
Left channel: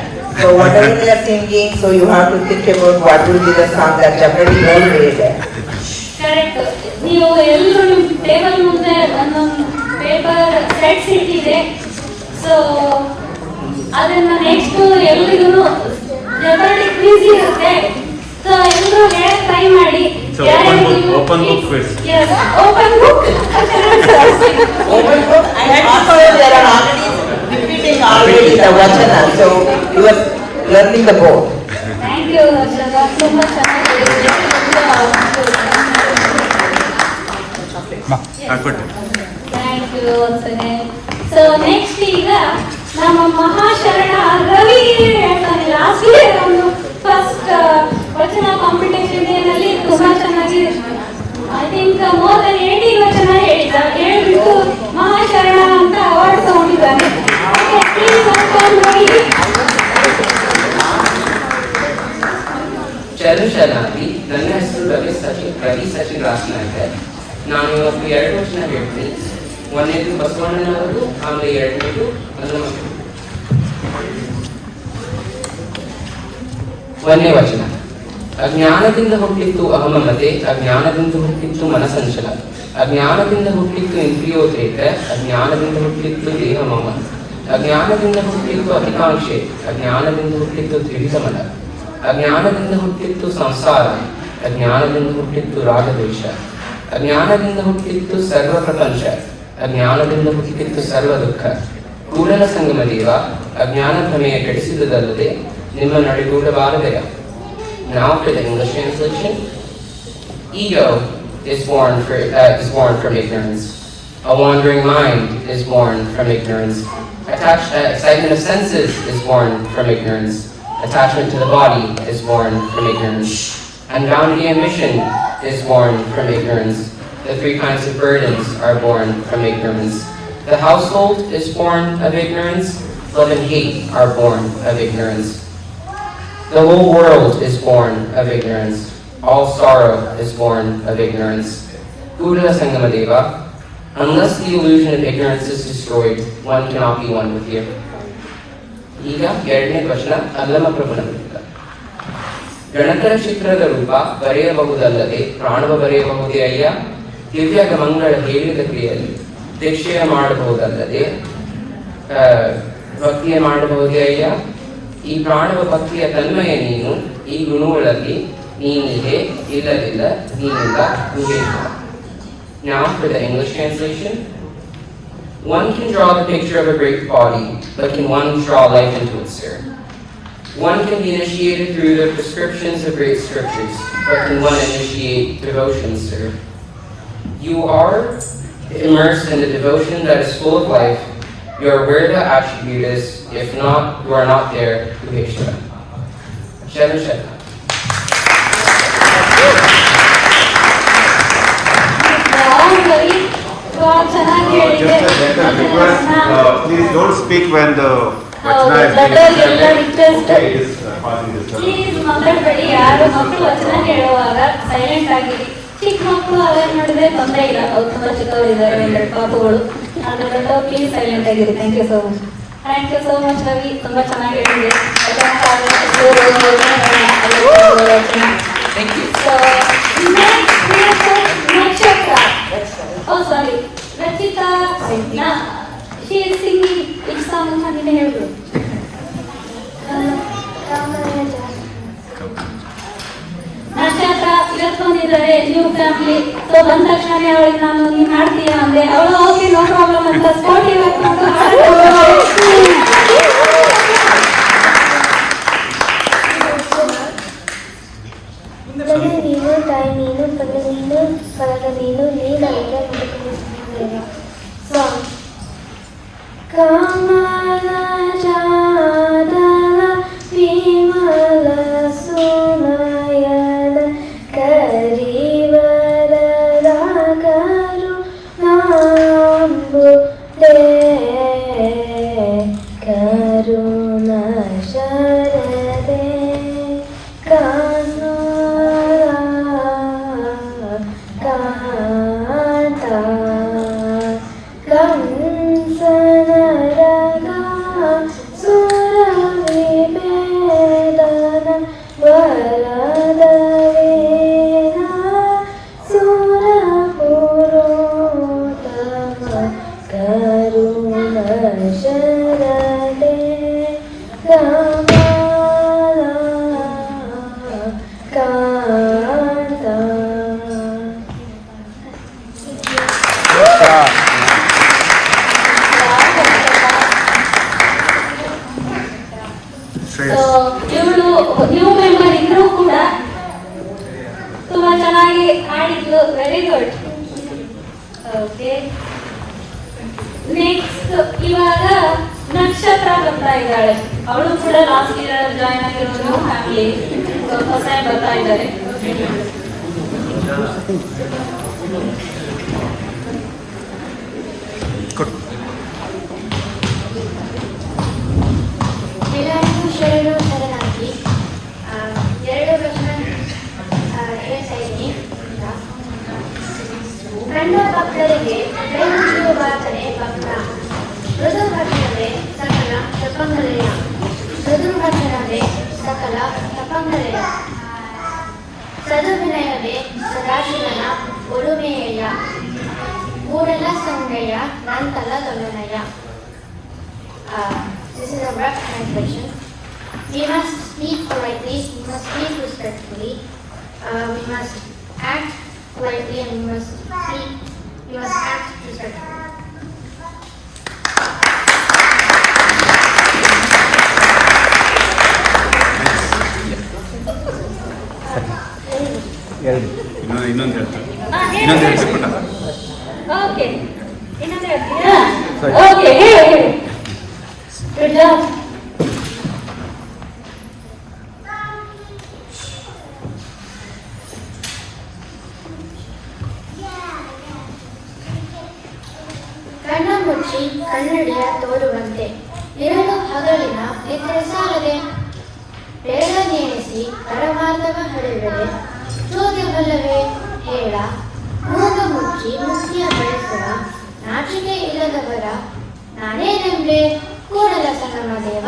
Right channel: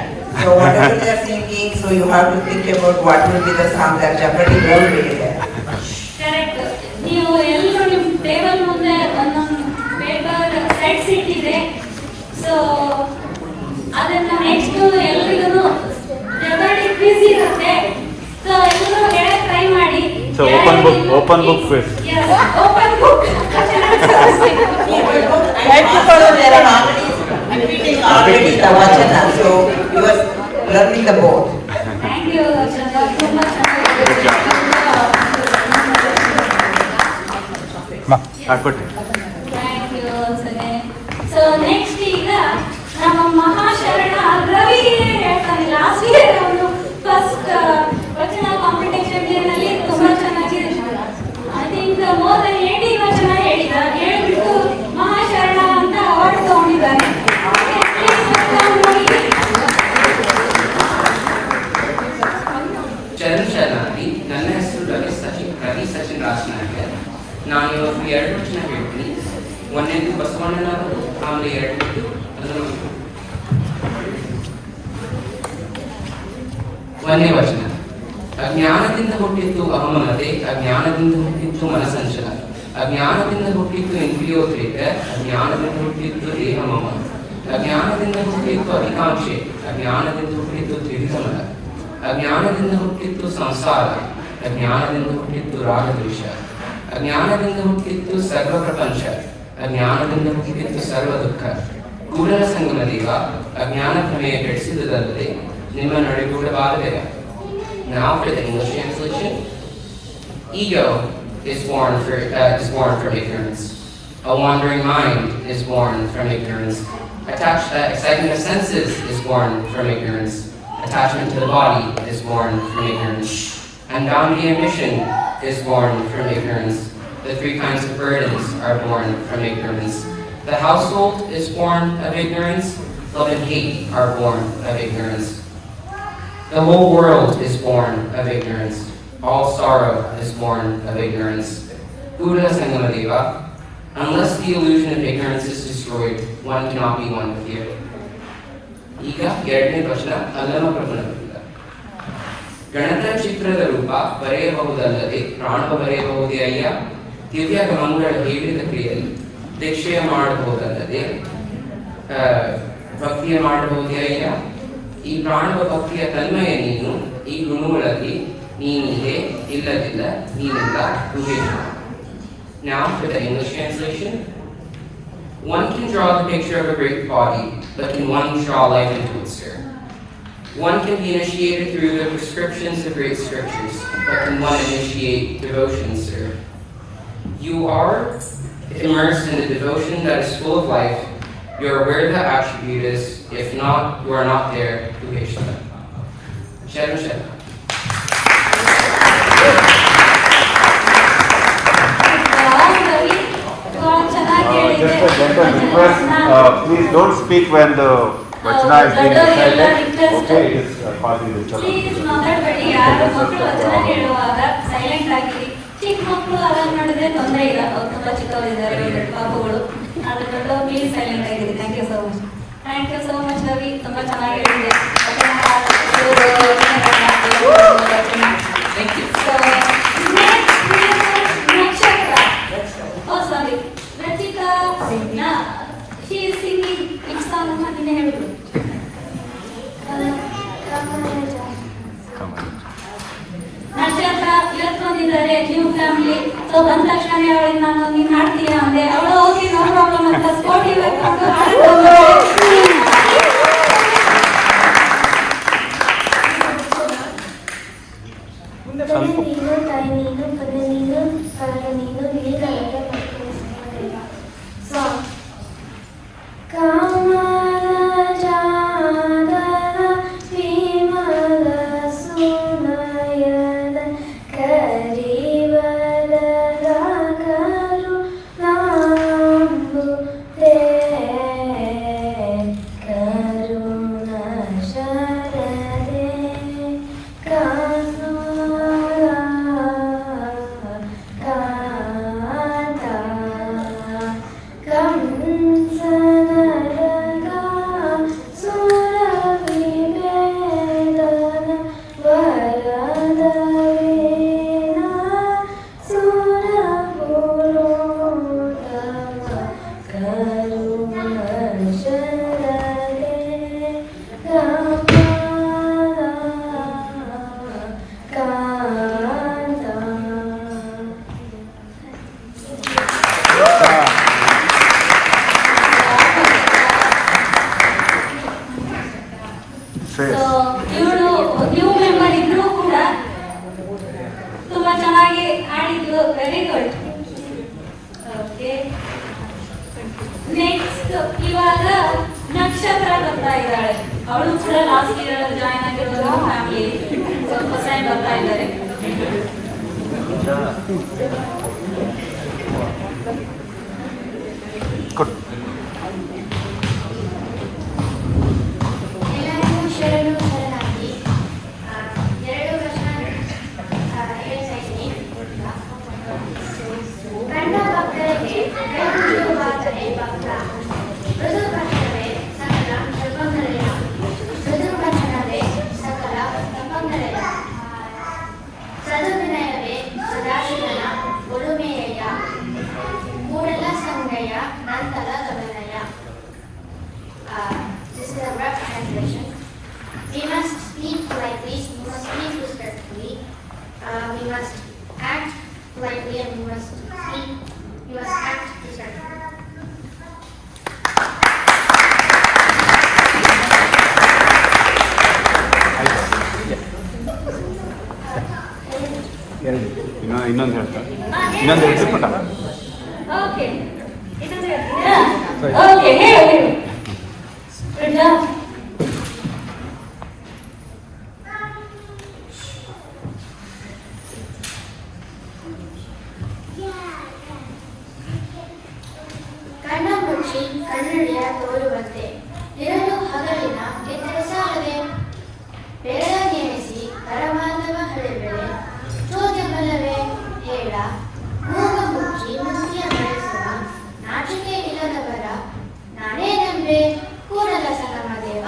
So whatever they are singing, so you have to think about what will be the song that jeopardy will be there. Correct. ನೀವು ಎಲ್ಲರೂ ನಿಮ್ಮ table ಮುಂದೆ ಒಂದು paper sets ಇಟ್ಟಿದೆ. So ಅದನ್ನ next ಎಲ್ರಿಗೂ ಜೊತೆಗೆ quiz ಇರುತ್ತೆ. ಸೊ ಎಲ್ಲರೂ ಹೇಳಕ್ ಟ್ರೈ ಮಾಡಿ. So open book quiz. Yes, open book. Open book and also there are repeating already the Vachana, so you are learning the book. Thank you. ತುಂಬಾ ಹಾಕೊಟ್ಟೆ. Thank you once again. So next ಈಗ ನಮ್ಮ ಮಹಾಶರಣ ರವಿ ಹೇಳ್ತಾನೆ. Last year ಅವನು first ವಚನ competition ನಲ್ಲಿ ತುಂಬಾ ಚೆನ್ನಾಗಿ I think more than 18 ವಚನ ಹೇಳಿದ. ಹೇಳ್ಬಿಟ್ಟು ಮಹಾಶರಣ ಅಂತ ಅವಾರ್ಡ್ ತಗೊಂಡಿದ್ದಾನೆ. ಚರಣ್ ಶರಣಾರ್ಥಿ. ನನ್ನ ಹೆಸರು ರವಿ ಸಚಿನ್ ರಾಜನಾಯಕರ್. ನಾನು ಇವತ್ತು 2 ವಚನ ಹೇಳ್ತೀನಿ. ಒಂದನೇದು ಬಸವಣ್ಣನವರು, ಆಮೇಲೆ 2ನೇದು ಹನುಮಂತರು. 1ನೇ ವಚನ. ಅಜ್ಞಾನದಿಂದ ಹುಟ್ಟಿತ್ತು ಅಹಮಮತೆ, ಅಜ್ಞಾನದಿಂದ ಹುಟ್ಟಿತ್ತು ಮನಸಂಚಲ, ಅಜ್ಞಾನದಿಂದ ಹುಟ್ಟಿತ್ತು ಇಂದ್ರಿಯೋದ್ರೇಕ, ಅಜ್ಞಾನದಿಂದ ಹುಟ್ಟಿತ್ತು ದೇಹಮಮ, ಅಜ್ಞಾನದಿಂದ ಹುಟ್ಟಿತ್ತು ಅಧಿಕಾಂಕ್ಷೆ, ಅಜ್ಞಾನದಿಂದ ಹುಟ್ಟಿತ್ತು ತ್ರಿವಿಧಮಲ, ಅಜ್ಞಾನದಿಂದ ಹುಟ್ಟಿತ್ತು ಸಂಸಾರ, ಅಜ್ಞಾನದಿಂದ ಹುಟ್ಟಿತ್ತು ರಾಗದ್ವೇಷ, ಅಜ್ಞಾನದಿಂದ ಹುಟ್ಟಿತ್ತು ಸರ್ವ ಪ್ರಪಂಚ, ಅಜ್ಞಾನದಿಂದ ಹುಟ್ಟಿತ್ತು ಸರ್ವ ದುಃಖ. ಕೂಡಲ ಸಂಗಮ ದೇವ, ಅಜ್ಞಾನ ಭ್ರಮೆಯ ಕೆಡಿಸಿದುದಲ್ಲದೆ ನಿಮ್ಮ ನಡೆಗೂಡವಾಗಬೇಡ. Now for the English translation. Ego is born from ignorance. A wandering mind is born from ignorance. Excitement of senses is born from ignorance. Attachment to the body is born from ignorance. Unbounded ambition is born from ignorance. The three kinds of burdens are born from ignorance. The household is born of ignorance. Love and hate are born of ignorance. The whole world is born of ignorance. All sorrow is born of ignorance. Buddha Sangamadeva, unless the illusion of ignorance is destroyed, one cannot be one with you. ಈಗ ಎರಡನೇ ಪ್ರಶ್ನೆ ಅದನ್ನು ಪ್ರಶ್ನೆ ಗಣಕರ ಚಿತ್ರದ ರೂಪ ಬರೆಯಬಹುದಲ್ಲದೆ ಪ್ರಾಣವ ಬರೆಯಬಹುದೇ ಅಯ್ಯ ದಿವ್ಯ ಮಂಗಳ ಹೇಳಿದ ಕ್ರಿಯೆಯಲ್ಲಿ ದೀಕ್ಷೆಯ ಮಾಡಬಹುದಲ್ಲದೆ ಭಕ್ತಿಯ ಮಾಡಬಹುದೇ ಅಯ್ಯ ಈ ಪ್ರಾಣವ ಭಕ್ತಿಯ ತನ್ಮಯ ನೀನು ಈ ಗುಣಗಳಲ್ಲಿ ನೀನಿದೆ ಇಲ್ಲದಿಲ್ಲ ನೀನಿಲ್ಲ Guheshwara. Now for the English translation. One can draw the picture of a great body, but can one draw life into it, sir? One can be initiated through the prescriptions of great scriptures, but can one initiate devotion, sir? You are immersed in the devotion that is full of life. You are where the attribute is. If not, you are not there. Kuheshwara. Shadow Shadow. Just a gentle request, please don't speak when the vachana is being recited. Okay, it is causing disturbance. Please ಮಾತಾಡಬೇಡಿ. ಯಾರು ಮಕ್ಕಳು ವಚನ ಕೇಳುವಾಗ silent ಆಗಿರಿ. ಚಿಕ್ಕ ಮಕ್ಕಳು ಅದನ್ನ ನೋಡಿದ್ರೆ ತೊಂದರೆ ಇಲ್ಲ, ಅವ್ರು ತುಂಬಾ ಚಿಕ್ಕವರಿದ್ದಾರೆ ಅಂದರೆ ಪಾಪುಗಳು. ಅದರಿಂದ ಪ್ಲೀಸ್ ಸೈಲೆಂಟ್ ಆಗಿರಿ. Thank you so much. Thank you so much Ravi, ತುಂಬಾ ಚೆನ್ನಾಗಿದೆ. Thank you. So, ನಕ್ಷತ್ರ. Oh, sorry. Rachita, she is singing which song ಅಮ್ಮ ನೀನೇ ಹೇಳ್ಬಿಡು. ನಕ್ಷತ್ರ ಇವತ್ತು ಬಂದಿದ್ದಾರೆ ನ್ಯೂ ಫ್ಯಾಮಿಲಿ. ಸೊ ಬಂದ ತಕ್ಷಣನೇ ಅವಳಿಗೆ ನಾನು ನೀನು ಮಾಡ್ತೀಯ ಅಂದ್ರೆ ಅವಳು ಓಕೆ ನೋ ಪ್ರಾಬ್ಲಮ್ ಅಂತ ಸ್ಪೋರ್ಟಿವ್ ನೀನು ತಾಯಿ ನೀನು ಕಡೆ ನೀನು ಕರಗ ನೀನು ನೀನು ಇವಳು ನ್ಯೂ ಮೆಂಬರ್ ಇದ್ರೂ ಕೂಡ ತುಂಬಾ ಚೆನ್ನಾಗಿ ಆಡಿದ್ಲು. Very good. ಓಕೆ, ನೆಕ್ಸ್ಟ್ ಇವಾಗ ನಕ್ಷತ್ರ ಬರ್ತಾ ಇದ್ದಾಳೆ. ಅವಳು ಕೂಡ ಲಾಸ್ಟ್ ಇಯರ್ ಜಾಯ್ನ್ ಆಗಿರೋದು ಫ್ಯಾಮಿಲಿ. ಹೊಸ ಬರ್ತಾ ಇದ್ದಾರೆ. ಎಲ್ಲರಿಗೂ ಶರಣು ಶರಣಾಗಿ. ಎರಡು ವರ್ಷ ಹೇಳ್ತಾ ಇದ್ದೀನಿ. ಕಂಡ ಭಕ್ತರಿಗೆ ಕೈಮುಗಿಯುವಾತನೇ ಭಕ್ತ. ಮೃದು ಭಕ್ತರೇ ಸಕಲ ತಪಂಗಲೆಯ. ಮೃದು ಭಕ್ತರೇ ಸಕಲ ತಪಂಗಲೆಯ. ಸದುವಿನಯವೇ ಸದಾಶಿವನ ಒಲುಮೆಯ. ಮೂಡಲ ಸಂಗಯ ನಂತಲ ಗಮನಯ. This is a rough translation. We must speak politely, we must speak respectfully, we must act politely, and we must act respectfully. No, ಇನ್ನೊಂದು ಹೇಳ್ತಾರೆ. ಇನ್ನೊಂದು ಹೇಳ್ತೀನಿ ಪುಟ್ಟ. ಓಕೆ ಇನ್ನೊಂದು ಹೇಳ್ತೀರಾ? ಓಕೆ ಹೇಳಿ. Good job. ಕಣ್ಣ ಮುಚ್ಚಿ ಕನ್ನಡಿಯ ತೋರುವಂತೆ ಇರಲು ಹಗಲಿನ ಇತರ ಸಾಲದೆ ಬೇಡ ನೆನೆಸಿ ಪರಮಾರ್ಥವ ಹಳೆಬೇಳೆ ಚೋದ್ಯ ಬಲ್ಲವೇ ಹೇಳ ಮೂಗ ಮುಚ್ಚಿ ಮುಕ್ತಿಯ ಬೆಳೆಸುವ ನಾಚಿಕೆ ಇಲ್ಲದವರ ನಾನೇ ನಂಬೆ ಕೂಡಲ ಸಂಗಮ ದೇವ.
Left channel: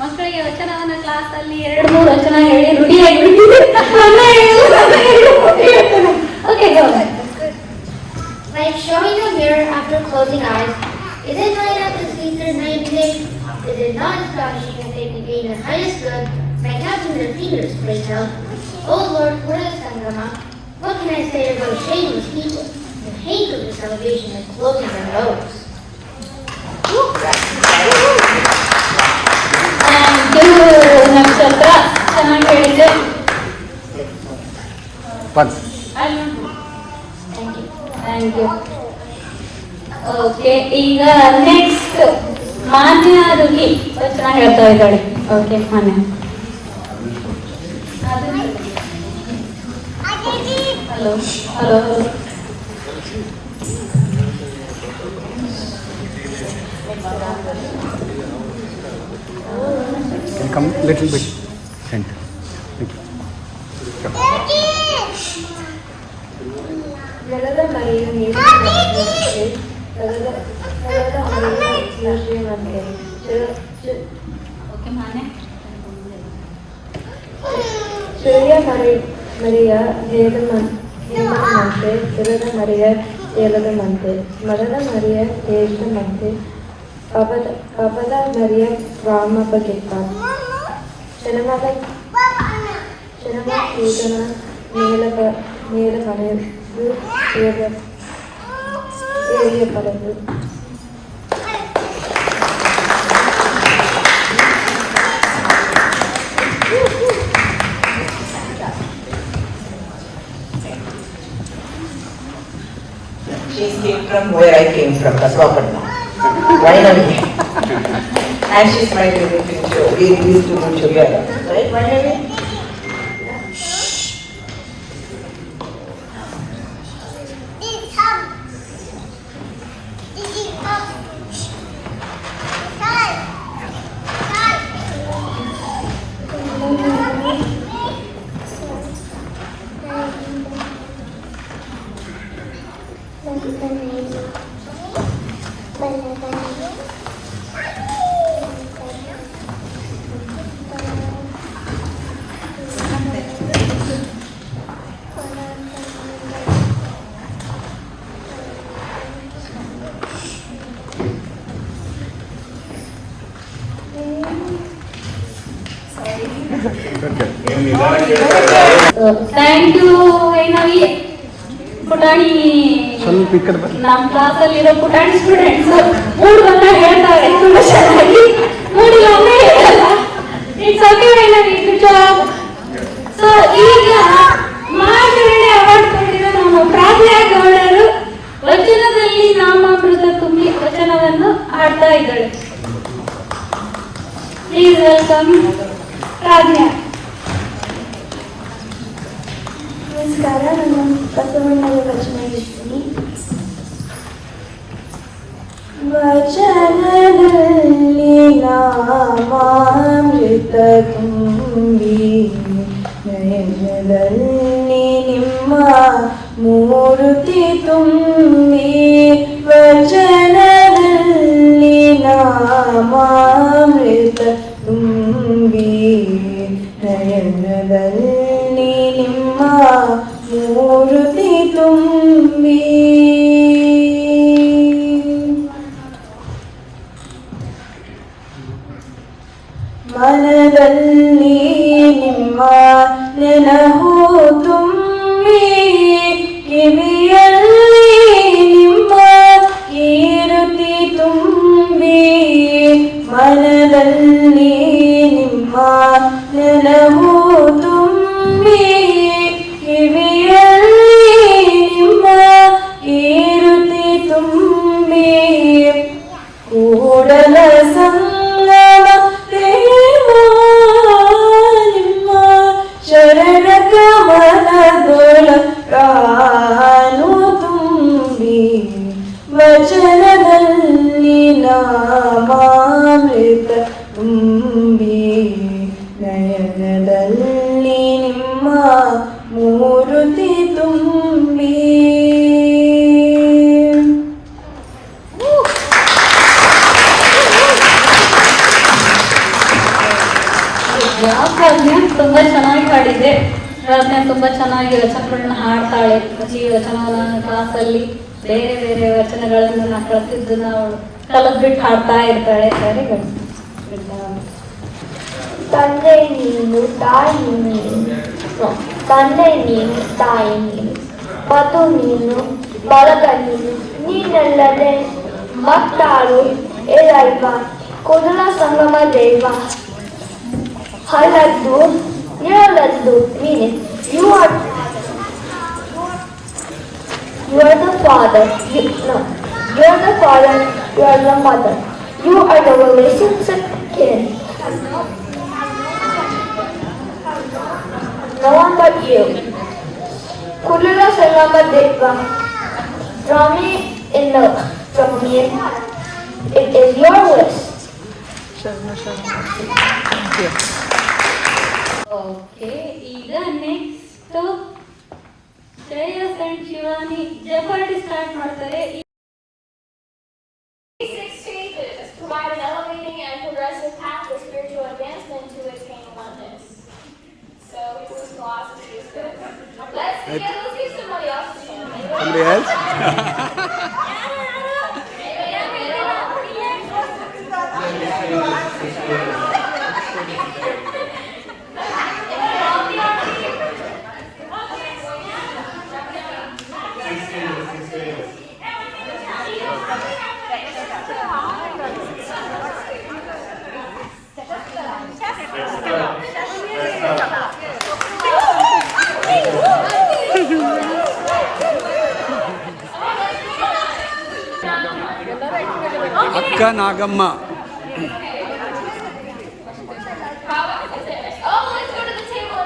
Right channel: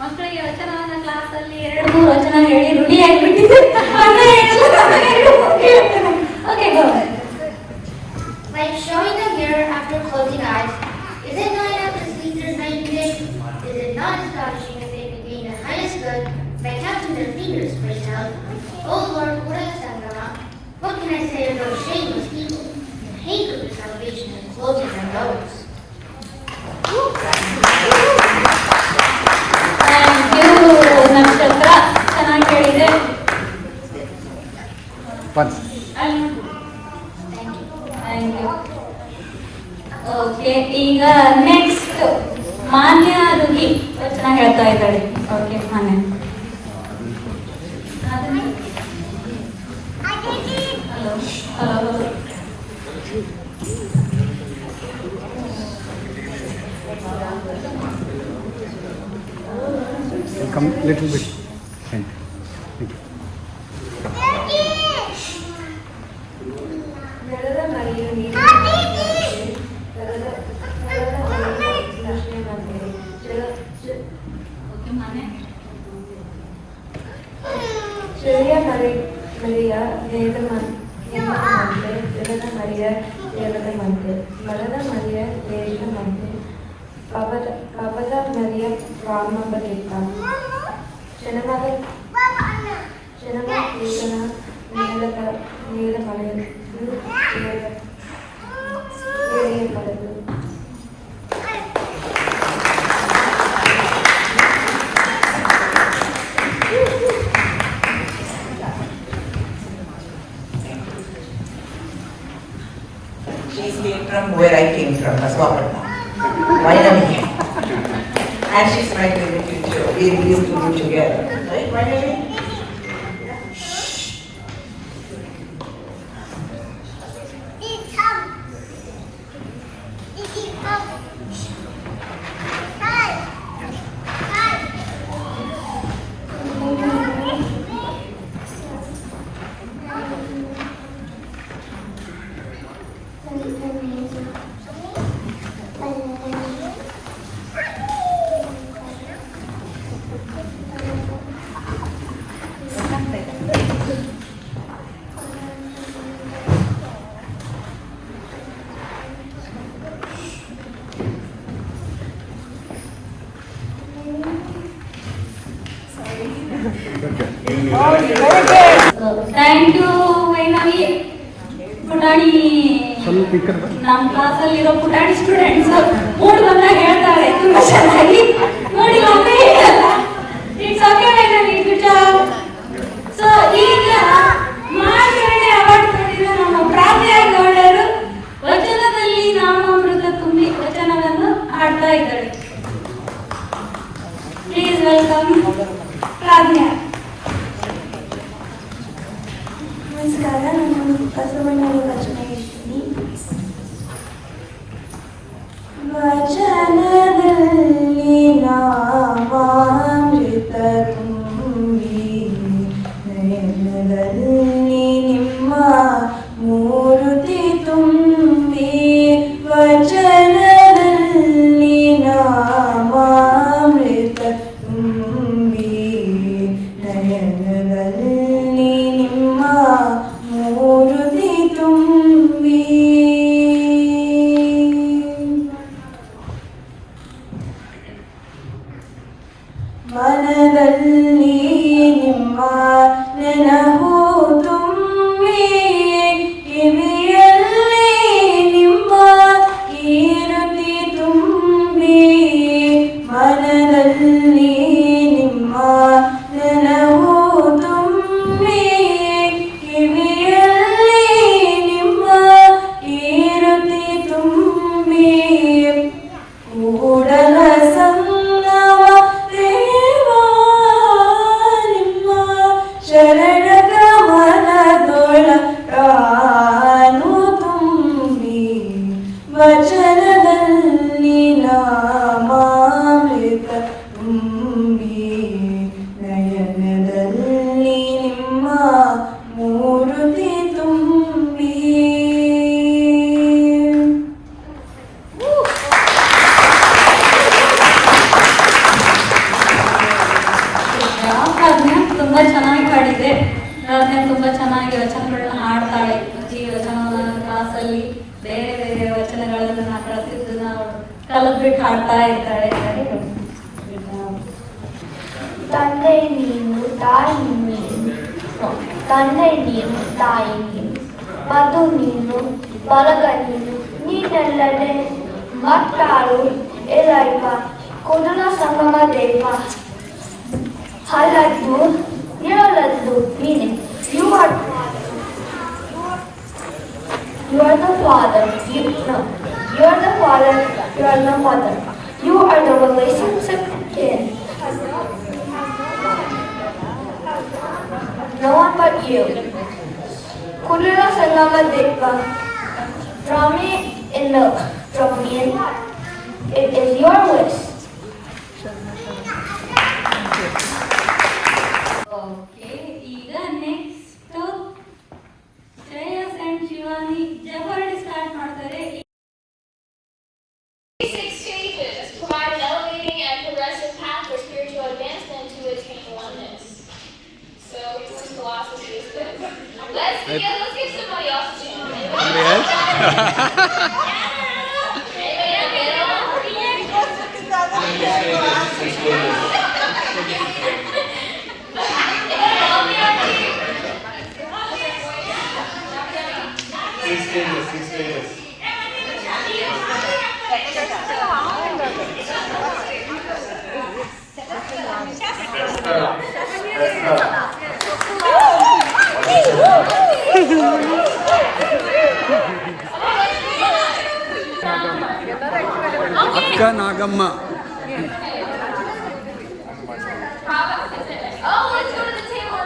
ಮಕ್ಕಳಿಗೆ ವಚನವನ್ನ ಕ್ಲಾಸಲ್ಲಿ 2-3 ವಚನ ಹೇಳಿ ನುಡಿಯಾಗಿಬಿಟ್ಟಿದೆ. Okay Like showing a mirror after closing eyes, is it not enough to sleep through the night day? Is it not astonishing that they can gain the highest good by counting their fingers, praise God? Oh Lord, what a Sangama! What can I say to those shameless people who hate their salvation is closing their nose? ನಕ್ಷತ್ರ ಚೆನ್ನಾಗಿ ಹೇಳಿದೆ. Okay ಈಗ next ಮಾನ್ಯ ರುಗಿ ವಚನ ಹೇಳ್ತಾ ಇದ್ದಾಳೆ. Okay ಮಾನ್ಯ. Hello hello Come little bit. Thank you. ಬೆಳೆದ ಮರೆಯ ಓಕೆ ಮಾನ್ಯ. ചെറിയ മറിയ ദേവനത്തെ ഇറന്ന മറിയ ദേവനത്തെ മരണ മറിയ ദേവനത്തെ കപട മറിയ വാമപകിത്ത ശരണ കൂതന നീലമനു ഏറിയ പലത്. She came from where I came from, Kaswapatnam. Vainavi. And she's my favorite teacher. We used to do together. Right, Vainavi? Thank you Vainavi. ಪುಟಾಣಿ ಸ್ವಲ್ಪ ಈ ಕಡೆ ನಮ್ಮ ಕ್ಲಾಸಲ್ಲಿ ಇರೋ ಪುಟಾಣಿ ಸ್ಟೂಡೆಂಟ್ಸ್ 3 ಬಂದ ಹೇಳ್ತಾರೆ ತುಂಬಾ ಚೆನ್ನಾಗಿ. ನೋಡಿ ಒಮ್ಮೆ it's okay Vainavi, good job. So ಈಗ ಮಾರ್ಗರೇಟ್ ಅವಾರ್ಡ್ ಕೊಟ್ಟಿರೋ ನಮ್ಮ ಪ್ರಾರ್ಥನಾ ಗೌಡರು ವಚನದಲ್ಲಿ ನಾಮಾಮೃತ ತುಂಬಿ ವಚನವನ್ನು ಹಾಡ್ತಾ ಇದ್ದಾಳೆ. ಪ್ಲೀಸ್ ವೆಲ್ಕಮ್ ಪ್ರಾರ್ಥನಾ. ನಮಸ್ಕಾರ, ನಾನು ಬಸವಣ್ಣನ ರಚನೆಯಿದ್ದೀನಿ. ವಚನದಲ್ಲಿ ನಾಮಾಮೃತ ತುಂಬಿ ಬೇರೆ ಬೇರೆ ವಚನಗಳನ್ನು ಪ್ರತಿಯೊಂದನ್ನು ಕಲಿದ್ಬಿಟ್ಟು ಹಾಡ್ತಾ ಇರ್ತಾಳೆ. ತಂದೆ ನೀನು ತಾಯಿ ನೀನು, ತಂದೆ ನೀನು ತಾಯಿ ನೀನು, ಮಧು ನೀನು ಬಳಗ ನೀನು, ನೀನೆಲ್ಲದೆ ಮತ್ತಾರು ಏರೈವ ಕುದುಲ ಸಂಗಮ ದೇವ ಹಲದ್ದು ಇರಲದ್ದು ನೀನೆ. You are the father. No, you are the father. You are the mother. You are the relationship kin. No one but you. Kulura Salama Deva. Draw me in love. Draw me in heart. It is your wish. Okay, ಈಗ next Shreyas and Shivani ಜಬರ್ಡಿ start ಮಾಡ್ತಾರೆ. 6 stages provide an elevating and progressive path for spiritual advancement to attain oneness. So, whose philosophy is this? Let's give somebody else a chance. Somebody else? ಅಕ್ಕ Nagamma. Oh, let's go to the table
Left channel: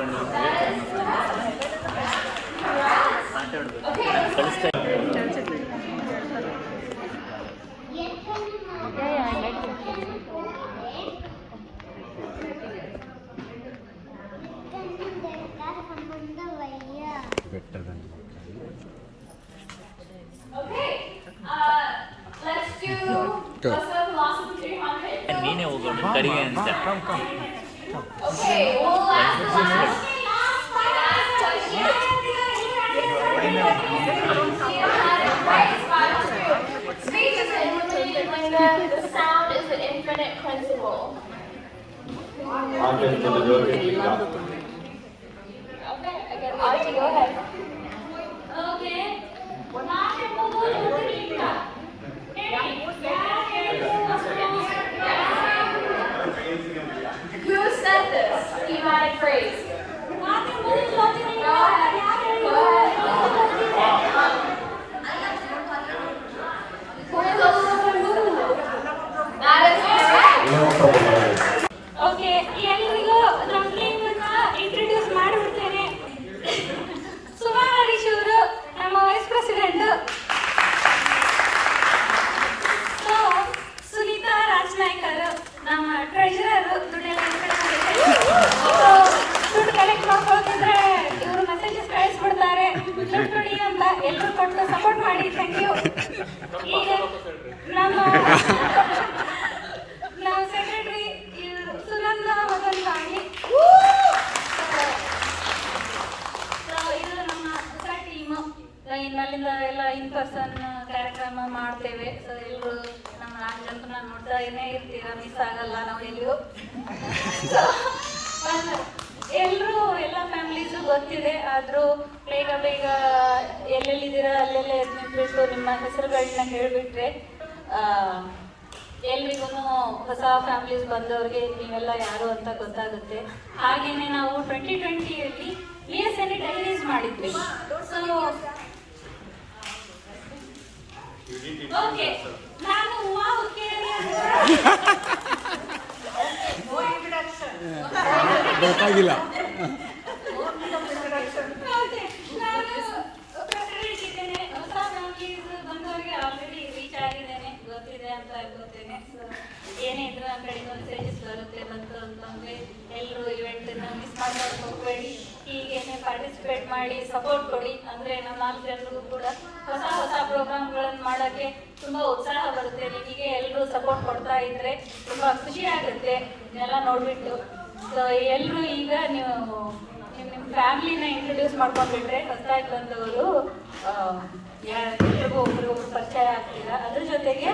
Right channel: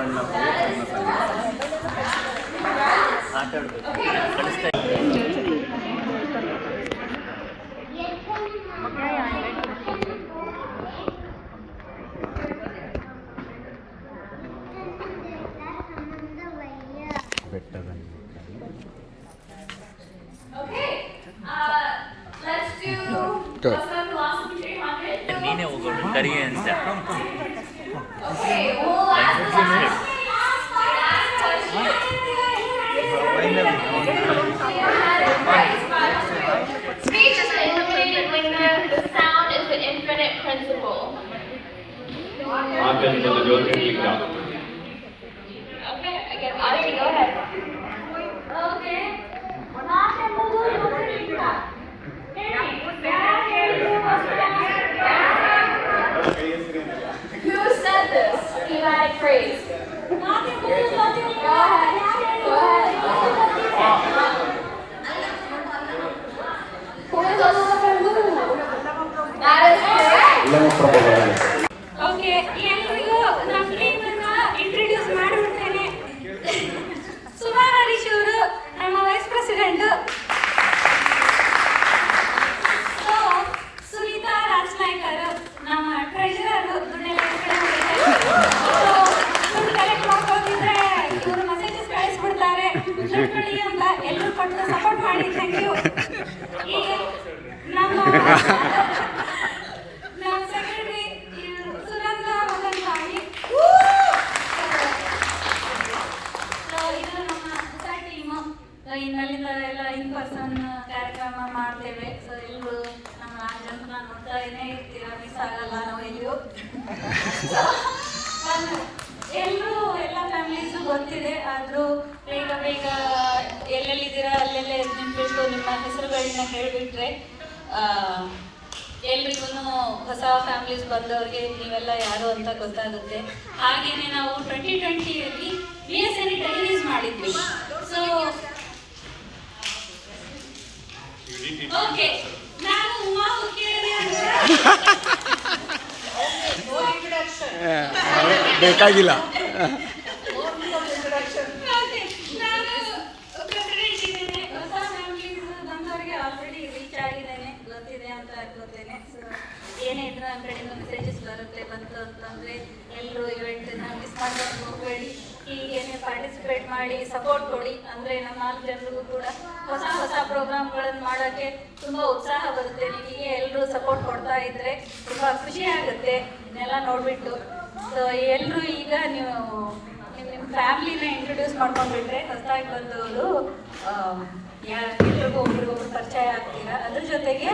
in the back. ಬೆಟ್ಟದ Okay, let's do Good. philosophy 300. Come. Okay, well, last question. Speech is an illuminated linga. The sound is the infinite principle. Okay, again, Aarti, go ahead. Okay, ಮಾತೆಂಬುದು ಜ್ಯೋತಿರ್ಲಿಂಗ. ಹೇಳಿ, ಯಾರು ಹೇಳಿದ್ರು? Who said this? Divine phrase. ಮಾತೆಂಬುದು ಜ್ಯೋತಿರ್ಲಿಂಗ. Go ahead. Go ahead. Who is also That is correct. Okay, ಎಲ್ರಿಗೂ ನಮ್ಮ ಟೀಮನ್ನ introduce ಮಾಡಿಬಿಡ್ತೇನೆ. Suma Harish ಅವರು ನಮ್ಮ ವೈಸ್ ಪ್ರೆಸಿಡೆಂಟ್. ಸುನೀತಾ ರಾಜನಾಯ್ಕರ್ ನಮ್ಮ ಟ್ರೆಜರರ್. ದುಡ್ಡೆಲ್ಲ ದುಡ್ಡು ಕಲೆಕ್ಟ್ ಮಾಡ್ಕೊಳ್ತಿದ್ರೆ ಇವರು ಮೆಸೇಜಸ್ ಕಳಿಸ್ಬಿಡ್ತಾರೆ, ದುಡ್ಡು ಕೊಡಿ ಅಂತ. ಎಲ್ಲರೂ ಕೊಟ್ಟು ಸಪೋರ್ಟ್ ಮಾಡಿ, ಥ್ಯಾಂಕ್ ಯು. ಈಗ ನಮ್ಮ ಸೆಕ್ರೆಟರಿ ಸುನಂದ ಮಗನ್ ಸ್ವಾಮಿ. ಇದು ನಮ್ಮ ಹೊಸ ಟೀಮು. ಇನ್ಮೇಲಿಂದ ಎಲ್ಲ ಇನ್ ಪರ್ಸನ್ ಕಾರ್ಯಕ್ರಮ ಮಾಡ್ತೇವೆ. ಸೊ ಎಲ್ಲರೂ ನಮ್ಮ 4 ಜನರನ್ನ ನೋಡ್ತಾನೇ ಇರ್ತೀರಾ, ಮಿಸ್ ಆಗಲ್ಲ ನಾವೆಲ್ಲೂ. ಎಲ್ಲರೂ ಎಲ್ಲ ಫ್ಯಾಮಿಲೀಸು ಗೊತ್ತಿದೆ, ಆದರೂ ಬೇಗ ಎಲ್ಲೆಲ್ಲಿದ್ದೀರಾ ಅಲ್ಲೆಲ್ಲ ನೆನ್ಪಿಟ್ಟು ನಿಮ್ಮ ಹೆಸರುಗಳನ್ನ ಹೇಳಿಬಿಟ್ರೆ ಎಲ್ರಿಗೂ ಹೊಸ ಫ್ಯಾಮಿಲೀಸ್ ಬಂದವ್ರಿಗೆ ನೀವೆಲ್ಲ ಯಾರು ಅಂತ ಗೊತ್ತಾಗುತ್ತೆ. ಹಾಗೇನೆ ನಾವು 2020ಯಲ್ಲಿ BSNE ಡೈರೀಸ್ ಮಾಡಿದ್ವಿ. ಸೊ ಓಕೆ, ನಾನು ಉಮಾ ಹುಕ್ಕೇರಿ ಅಂತ ಬೇಕಾಗಿಲ್ಲ. ಓಕೆ, ನಾನು ಪ್ರೆಸಿಡೆಂಟ್ ಇದ್ದೇನೆ. ಹೊಸ ಫ್ಯಾಮಿಲೀಸ್ ಬಂದವರಿಗೆ ಆಲ್ರೆಡಿ ರೀಚ್ ಆಗಿದ್ದೇನೆ, ಗೊತ್ತಿದೆ ಅಂತ ಅನ್ಕೋತೇನೆ. ಸೊ ಏನೇ ಇದ್ರೆ ನನ್ನ ಕಡೆಯಿಂದ ಮೆಸೇಜಸ್ ಬಂತು ಅಂತ ಅಂದರೆ ಎಲ್ಲರೂ ಇವೆಂಟನ್ನ ಮಿಸ್ ಮಾಡೋಕ್ಕೆ ಹೋಗಬೇಡಿ, ಹೀಗೆ ಪಾರ್ಟಿಸಿಪೇಟ್ ಮಾಡಿ ಸಪೋರ್ಟ್ ಕೊಡಿ. ಅಂದರೆ ನಮ್ಮ 4 ಜನರಿಗೂ ಕೂಡ ಹೊಸ ಹೊಸ ಪ್ರೋಗ್ರಾಮ್ಗಳನ್ನು ಮಾಡೋಕ್ಕೆ ತುಂಬ ಉತ್ಸಾಹ ಬರುತ್ತೆ. ಹೀಗೆ ಎಲ್ಲರೂ ಸಪೋರ್ಟ್ ಕೊಡ್ತಾ ಇದ್ದರೆ ತುಂಬ ಖುಷಿ ಆಗುತ್ತೆ ಇದನ್ನೆಲ್ಲ ನೋಡಿಬಿಟ್ಟು. ಸೊ ಎಲ್ಲರೂ ಈಗ ನೀವು ನಿಮ್ಮ ಫ್ಯಾಮಿಲಿನ ಇಂಟ್ರೊಡ್ಯೂಸ್ ಮಾಡ್ಕೊಂಡ್ಬಿಟ್ರೆ ಹೊಸದಾಗಿ ಬಂದವರು ಎಲ್ರಿಗೂ ಒಬ್ರಿಗೂ ಪರಿಚಯ ಆಗ್ತೀರಾ. ಅದ್ರ ಜೊತೆಗೆ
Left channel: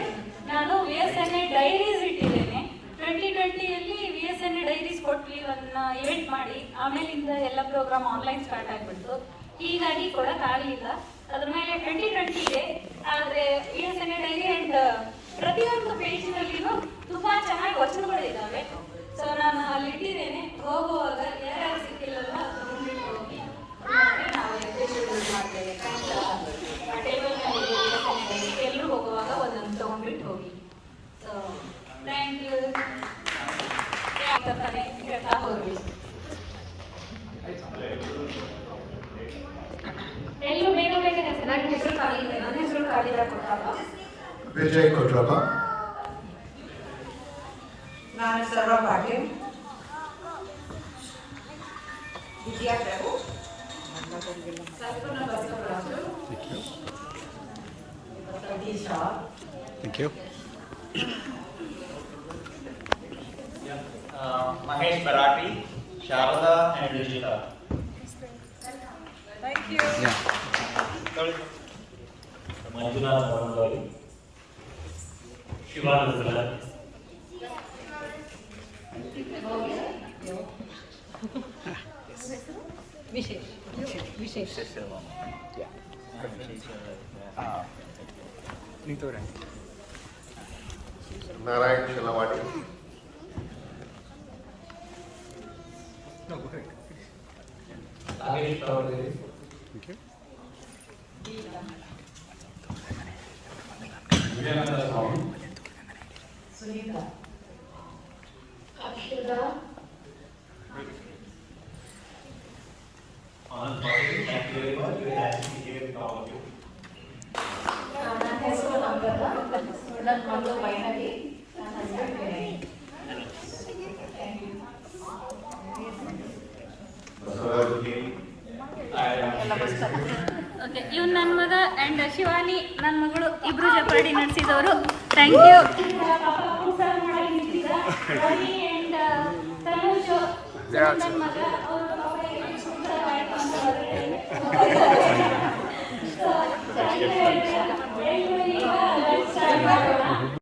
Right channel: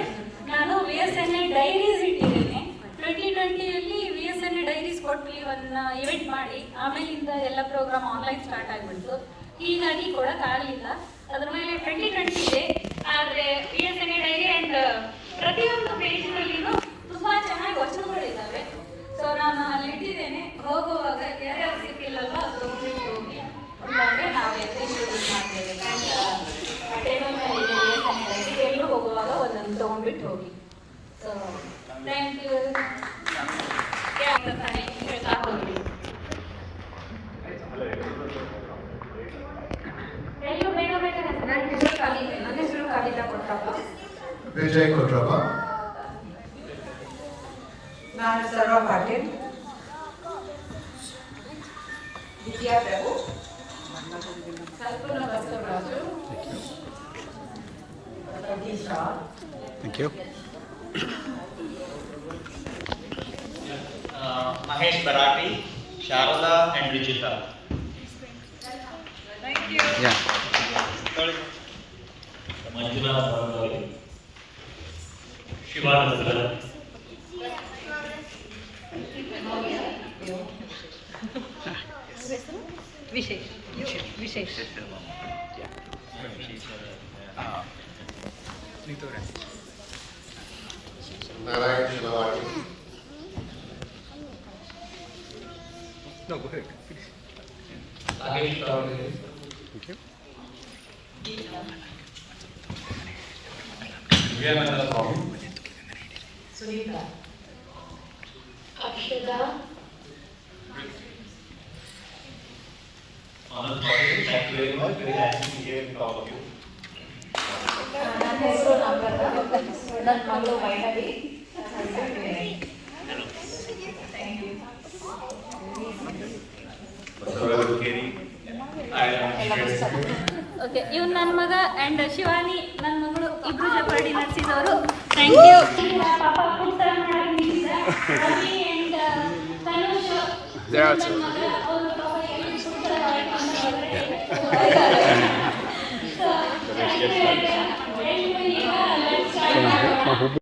ನಾನು VSNA ಡೈರೀಸ್ ಇಟ್ಟಿದ್ದೇನೆ. 2020ಯಲ್ಲಿ VSNA ಡೈರೀಸ್ ಕೊಟ್ಟು ಅದನ್ನ ಇವೆಂಟ್ ಮಾಡಿ ಆಮೇಲಿಂದ ಎಲ್ಲ ಪ್ರೋಗ್ರಾಮ್ ಆನ್ಲೈನ್ ಸ್ಟಾರ್ಟ್ ಆಗಿಬಿಡ್ತು. ಹೀಗಾಗಿ ಕೊಡೋಕ್ಕಾಗಲಿಲ್ಲ. ಅದ್ರ ಮೇಲೆ 2020 ಇದೆ. ಆದರೆ VSNA ಡೈರಿ ಆ್ಯಂಡ್ ಪ್ರತಿಯೊಂದು ಪೇಜ್ನಲ್ಲಿನೂ ತುಂಬ ಚೆನ್ನಾಗಿ ವಚನಗಳಿದ್ದಾವೆ. ಸೊ ನಾನು ಅಲ್ಲಿ ಇಟ್ಟಿದ್ದೇನೆ. ಹೋಗುವಾಗ ಯಾರ್ಯಾರು ಸಿಕ್ಕಿಲ್ಲಲ್ಲ ತಗೊಂಡು ಹೋಗಿ ನಾವು ಎಕ್ಸಿಕ್ಯೂಟಿವ್ ಮಾಡ್ತೇವೆ. ಆ ಟೇಬಲ್ ಮೇಲೆ ಎಲ್ಲರೂ ಹೋಗುವಾಗ ಒಂದೊಂದು ತೊಗೊಂಡ್ಬಿಟ್ಟು ಹೋಗಿ. So thank you. ತಾನೇ ಹೇಳ್ತಾ ಹೋಗಿ. ಎಲ್ಲರೂ ಬೇಗ ಬೇಗ ಹೆಸರು ಖಾಲಿ ಇದೆ. ನನ್ನ ಹೆಸರು ಖಾಲಿದ ಕೊಟ್ಟಾಗ ವಿಜಯ್ ಕೊಟ್ರಪ್ಪ. ನಾನು Sarva Patil. Vijaya Prabhu. Kalpana Basavaraju. Thank you. Mahesh Barati, Sharada and Vijita. Thank you. Yeah. Manjunath Arangari, Shivananda. ವಿಶೇಷ Narayan ಶಿಲವಾಡಿ. No, go ahead. Nagesh Tawagiri. Thank you. Vivekananda Swami. Sunita. Akshada. Anand Patel, thank you very much. Very happy to hear all of you. ನನ್ನ ಹೆಸರು ನಮ್ರತಾ. ನನ್ನ ಮಗಳು Vainavi. Hello. Thank you. Okay, ಇವ್ನು ನನ್ನ ಮಗ and Shivani ನನ್ನ ಮಗಳು, ಇಬ್ಬರು ಜೊತೆ ನಡೆಸಿದವರು. Thank you. ಪಾಪ ಅಪ್ಪನ ಸರ್ವ್ ಮಾಡಕ್ಕೆ ನಿಂತಿದ್ದ ರವಿ ಆ್ಯಂಡ್ ತನುಷ್ ನನ್ನ ಮಗ. ಅವರು ಪಾಪ ಏನು ಸುಂದರ ಥ್ಯಾಂಕ್ ಯು.